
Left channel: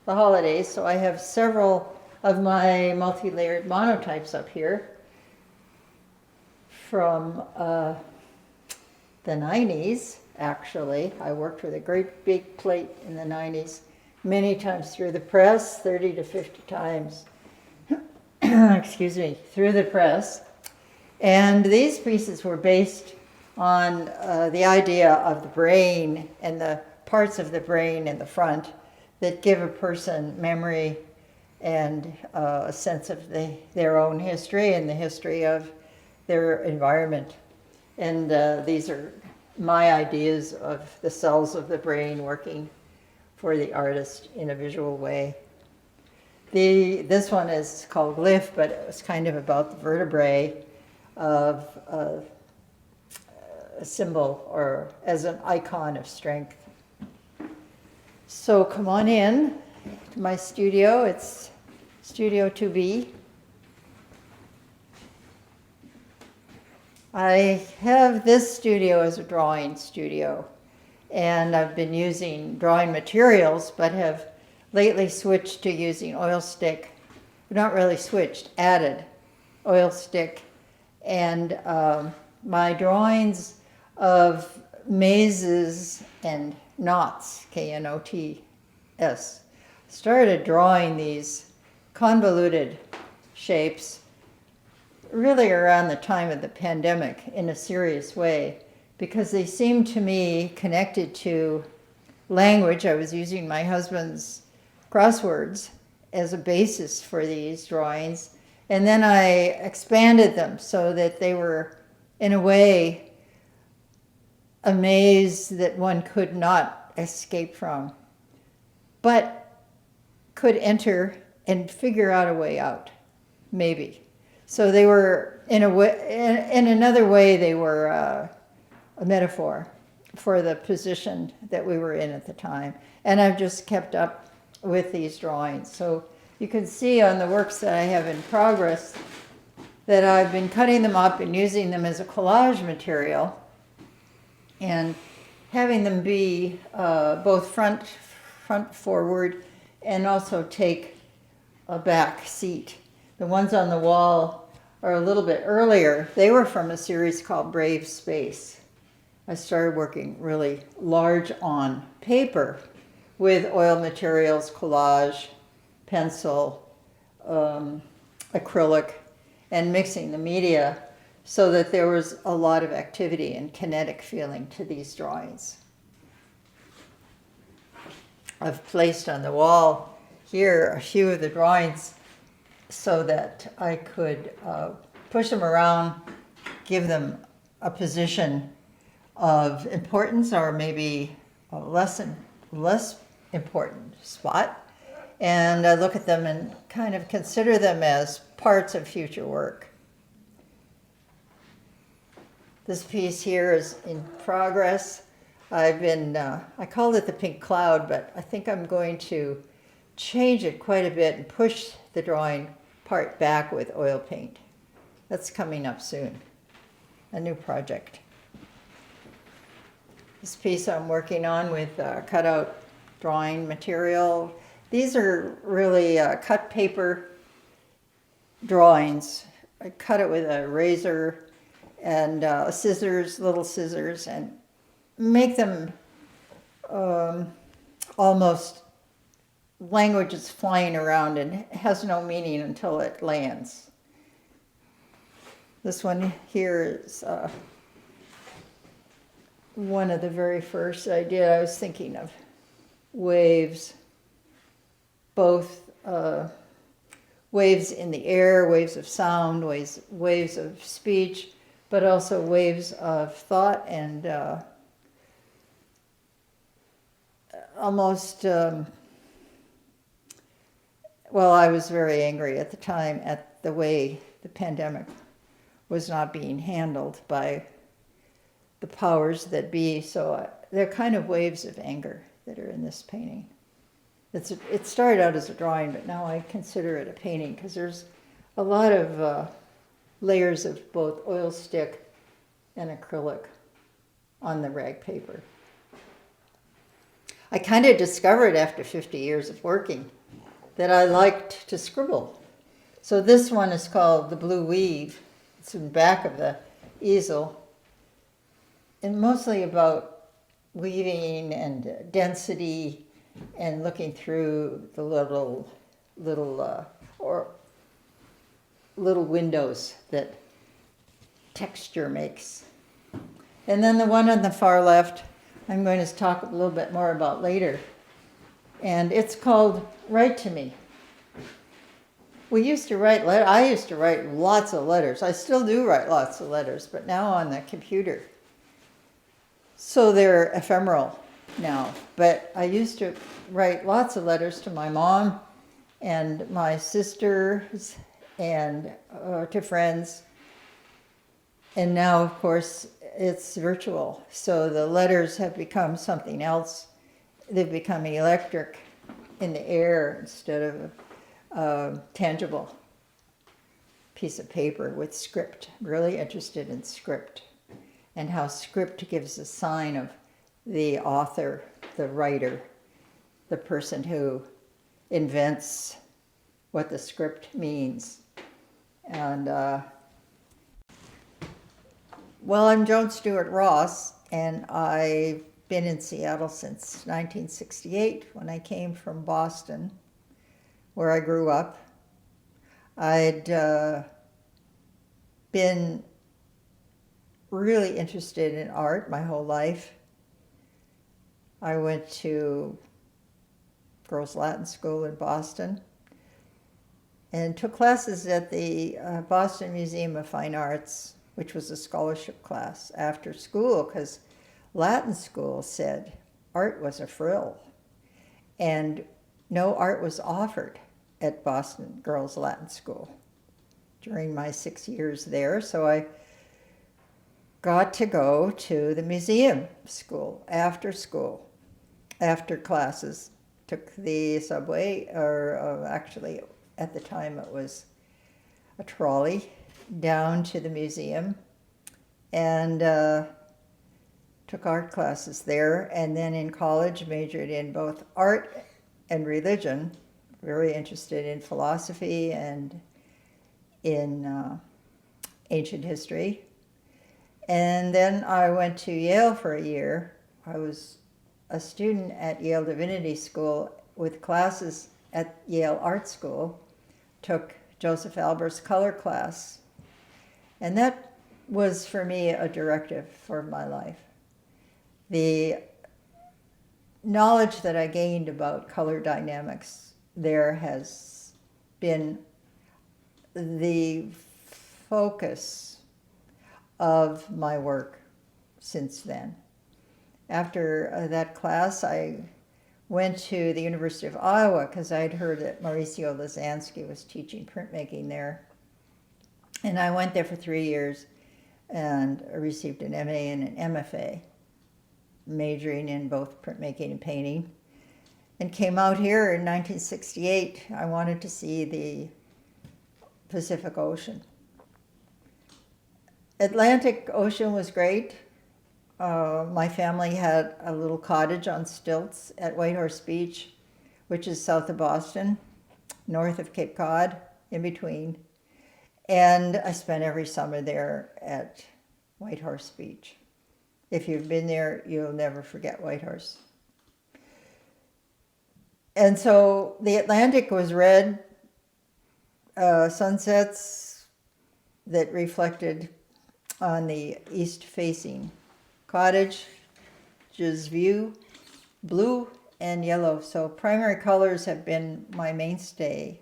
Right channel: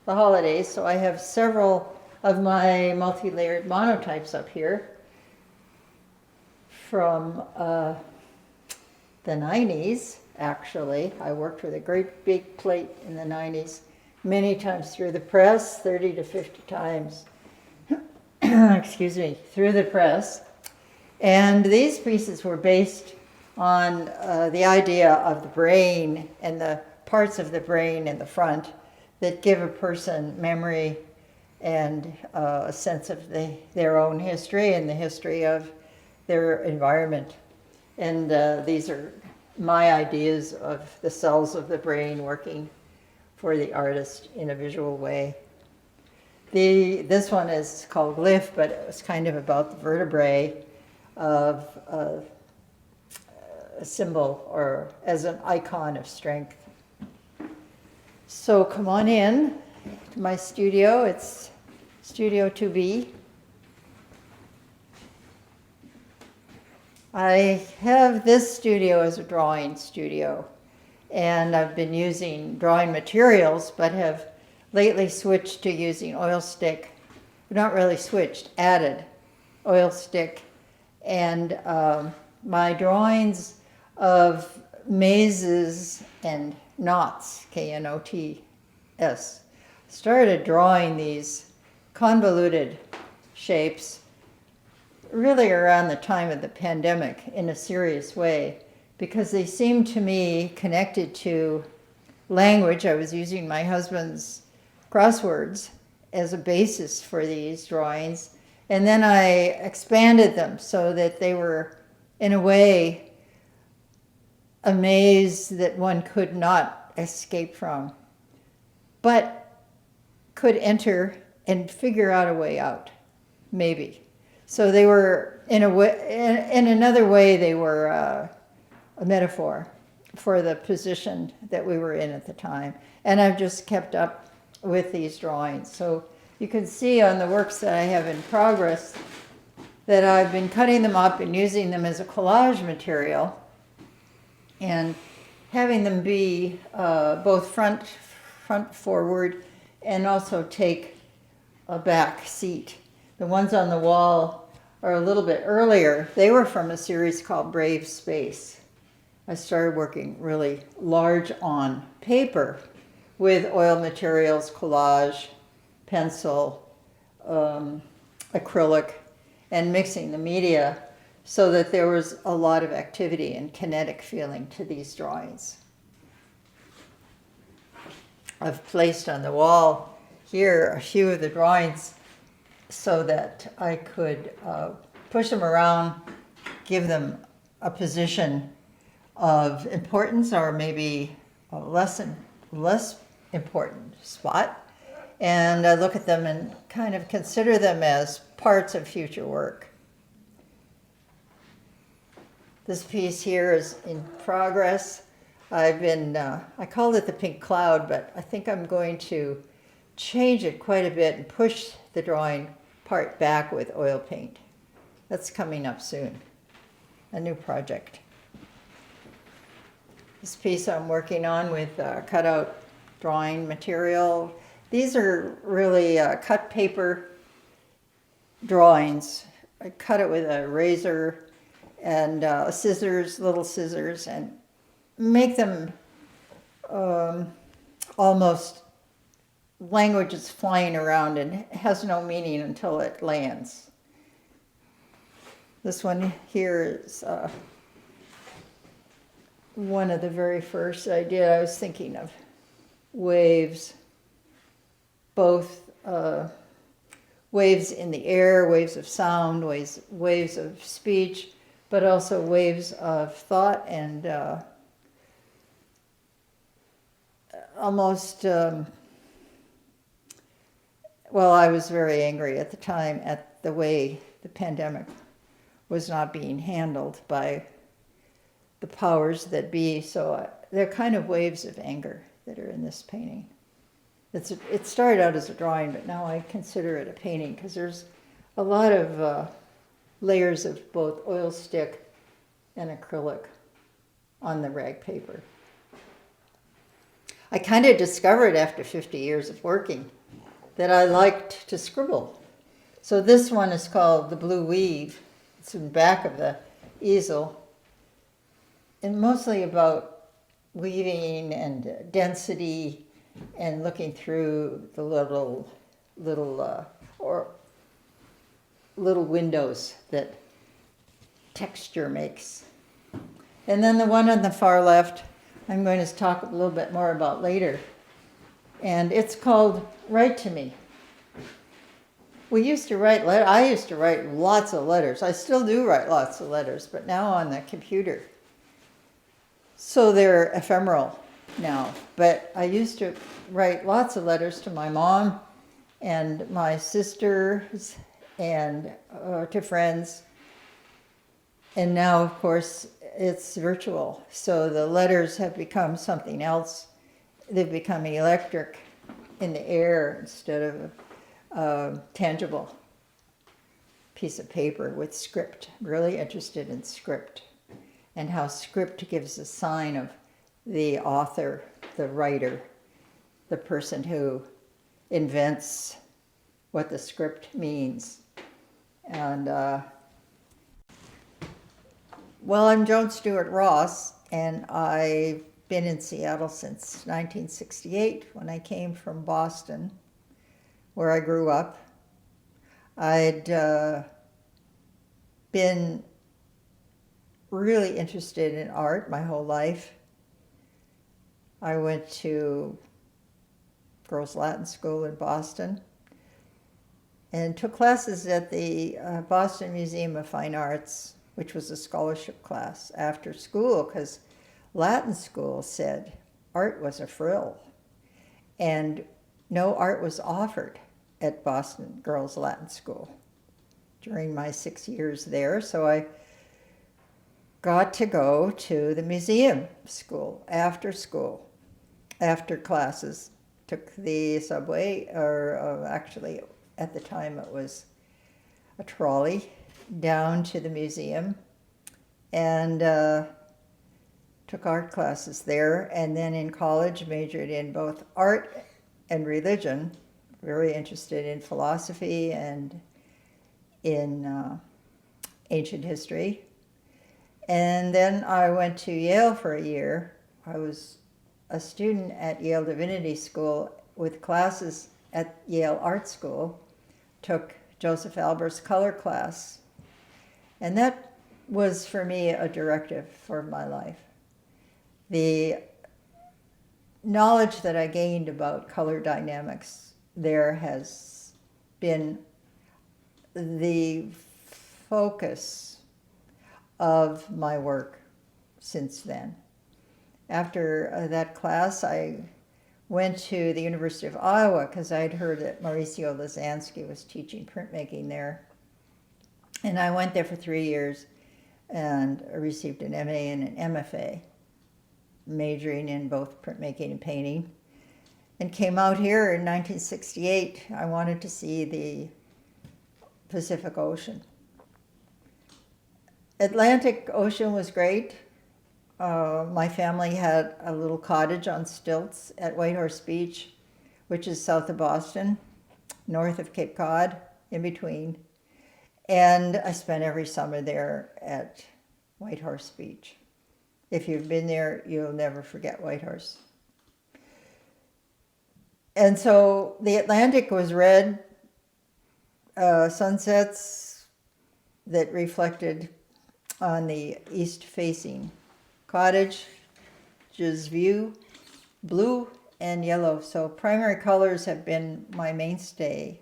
the holidays, so I have several of my multi-layered monotypes up here from the 90s, actually. I worked with a great big plate in the 90s, many times through the press, 30 to 50 times, excuse me, through the press. And these pieces were based on the idea of the brain and the parts of the brain in the front that give a person memory and a sense of their own history and the history of their environment. And these are my ideas of the cells of the brain working for the artist in a visual way. This one is called Glyph, but it was kind of about the vertebrae of a symbol or as an icon of strength. So come on in to my studio. It's Studio 2B. I have this studio as a drawing studio, and I've been using drawing materials, but have lately switched to using oil stick. Not really switched, added oil stick. And my drawings of mazes and knots, K-N-O-T-S, started drawing these convoluted shapes really around the time of the pandemic in a serious way, because they seemed to me connected to language. I was using my husband's crosswords as a basis for these drawings, and then I expanded them so that they were, in a way, a maze that one could not escape from, but could enter and figure out a way out, maybe. So they were, in another way, they were a metaphor for the position that we were in at the time. And I've just kept up with these drawings. So you can see on the works that I have in progress that I've been cutting them up and using them as a collage material and having them be both front forward and also take a back seat. The ones on the wall are a little bit earlier. They were from a series called Brave Space. I started working really large on paper with oil materials, collage, pencil, acrylic, and mixing the media so that there was a lot of activity and kinetic feeling to these drawings. I've placed on the wall here a few of the drawings so that I could push them around, give them a position of importance or maybe a less important spot, and look at them and kind of consider them as parts of future work. This piece here is in progress. I called it the pink cloud, but I think I'm going to change it quite a bit and push the drawing part back with oil paint. That's coming up soon, a new project. This piece I'm working on with cutout drawing material. These are really cut paper drawings. I cut it with a razor and scissors, little scissors, and make them almost language is flying around and has no meaning until it lands. This one here is one of the very first I did. I was thinking of waves, both waves in the air, waves of sound, waves of speech, but also waves of thought and almost, well, I was very angry at the time at the way the pandemic was not being handled by the powers that be. So they're kind of waves of anger that are in this painting. It started out as a drawing, but now I consider it a painting because there's a lot of layers of both oil stick and acrylic on the rag paper. I kind of discovered after 50 years of working that I liked to scribble. So this one is called The Blue Weave. It's in the back of the easel, and mostly about weaving and density and looking through the little windows that texture makes. And then the one on the far left, I'm going to talk a little bit more about later. And it's called Write to Me. I used to write lots of letters. I still do write lots of letters, but now on the computer. So they're ephemeral now. But I used to write lots of letters to my mom and my sisters and to friends. And now, of course, it's virtual. So the letters have become something else. They've become electric in the air instead of a tangible piece of paper with script. I'm really interested in script and how script gives a sign of the author, the writer, the person who invents what the script means. And well, I'm Joan Stuart Ross, and I've been in Seattle since 1968 when I came from Boston, where I grew up. I'd been really interested in art my whole life. I went to girls' Latin school in Boston and took classes at the Boston Museum of Fine Arts, which was a scholarship class after school, because Latin school said art was a frill, and no art was offered at Boston Girls Latin School during my 6 years there. So I got to go to the museum after school, after classes. Took the subway, or actually at the time it was a trolley, down to the museum, and took art classes there. And then in college majored in both art and religion, very interested in philosophy and in ancient history. And then I went to Yale for a year. I was a student at Yale Divinity School with classes at Yale Art School, took Joseph Albert's color class. And that was for me a directive for my life. The knowledge that I gained about color dynamics there has been the focus of my work since then. After that class, I went to the University of Iowa because I'd heard that Mauricio Lazansky was teaching printmaking there. And I went there for 3 years and received an MA and an MFA, majoring in both printmaking and painting. And came out here in 1968. I wanted to see the Pacific Ocean. Atlantic Ocean was great. My family had a little cottage on stilts at Whitehorse Beach, which is south of Boston, north of Cape Cod, in between. And I spent every summer there at Whitehorse Beach. If you've been there, you'll never forget Whitehorse. And so the Atlantic was red, sunsets that reflected on the east-facing cottage's view, blue and yellow. So primary colors have been my mainstay,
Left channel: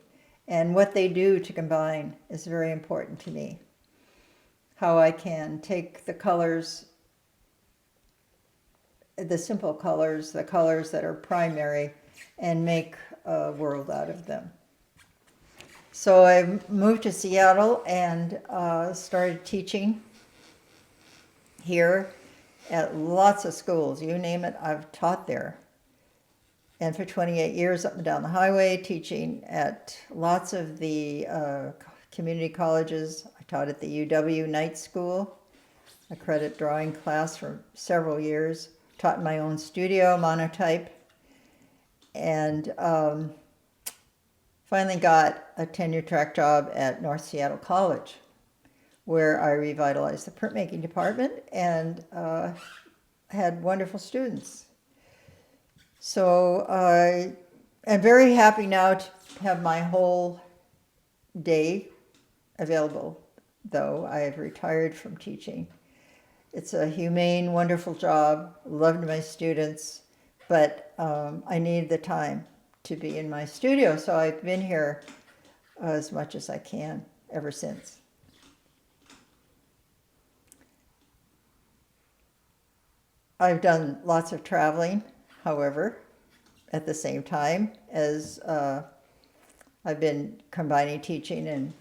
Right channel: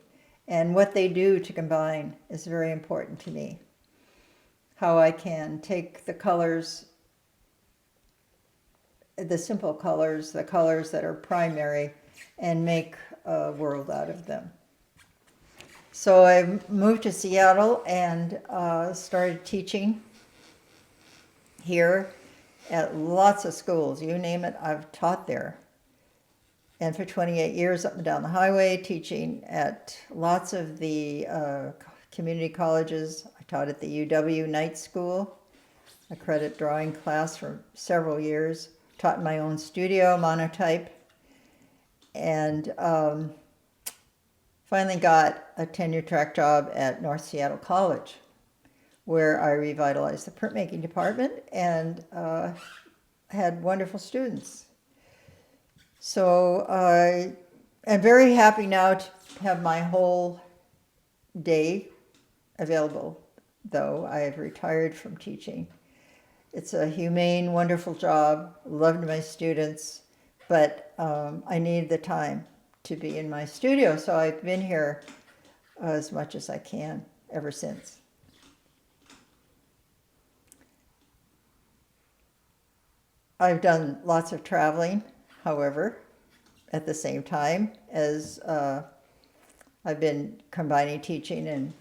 and what they do to combine is very important to me. How I can take the colors, the simple colors, the colors that are primary, and make a world out of them. So I moved to Seattle and started teaching here at lots of schools. You name it, I've taught there. And for 28 years up and down the highway, teaching at lots of the community colleges. I taught at the UW Night School, a credit drawing class for several years. Taught in my own studio, monotype. And finally got a tenure-track job at North Seattle College, where I revitalized the printmaking department and had wonderful students. So I am very happy now to have my whole day available, though I have retired from teaching. It's a humane, wonderful job, loved my students, but I need the time to be in my studio, so I've been here as much as I can ever since. I've done lots of traveling, however, at the same time as I've been combining teaching and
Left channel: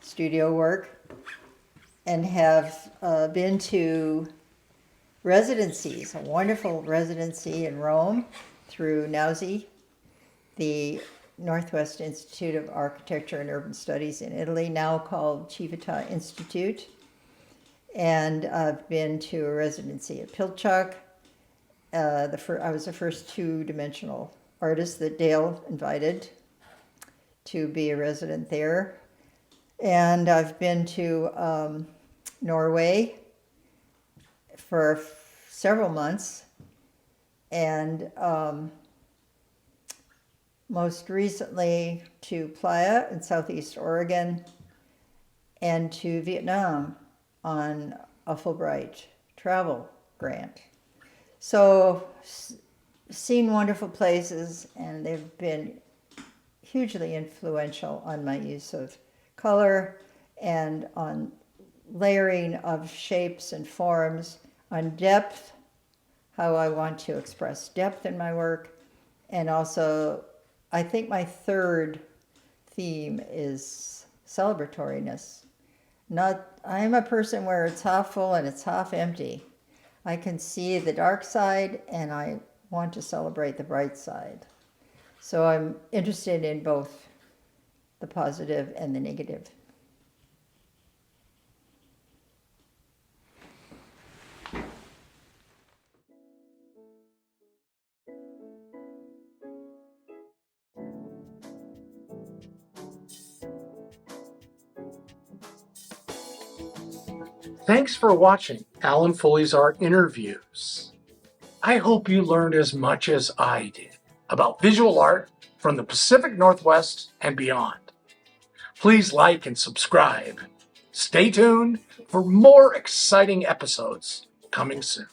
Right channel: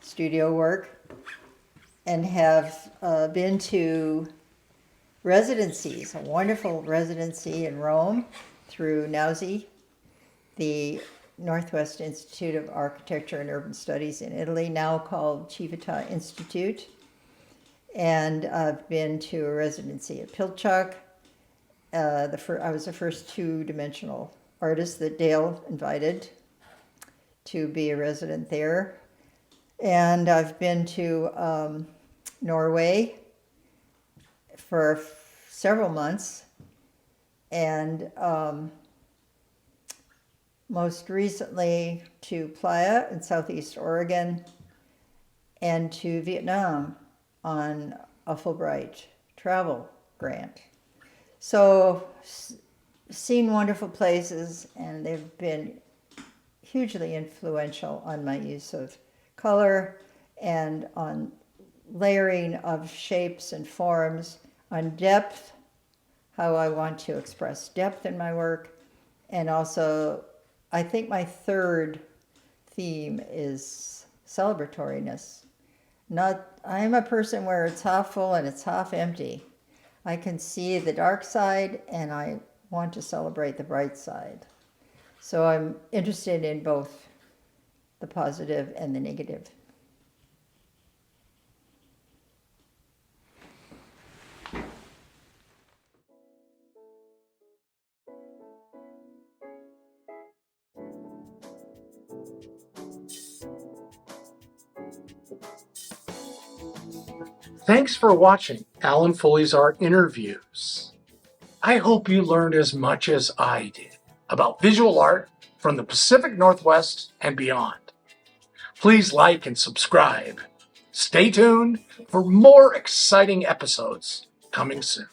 studio work, and have been to residencies, a wonderful residency in Rome through NAUSI, the Northwest Institute of Architecture and Urban Studies in Italy, now called Civita Institute. And I've been to a residency at Pilchuck. I was the first two-dimensional artist that Dale invited to be a resident there. And I've been to Norway for several months, and most recently to Playa in Southeast Oregon, and to Vietnam on a Fulbright travel grant. So seen wonderful places, and they've been hugely influential on my use of color and on layering of shapes and forms, on depth, how I want to express depth in my work. And also, I think my third theme is celebratoriness. I'm a person where it's half full and it's half empty. I can see the dark side and I want to celebrate the bright side. So I'm interested in both the positive and the negative. Thanks for watching Alan Fulle's Art Interviews. I hope you learned as much as I did about visual art from the Pacific Northwest and beyond. Please like and subscribe. Stay tuned for more exciting episodes coming soon.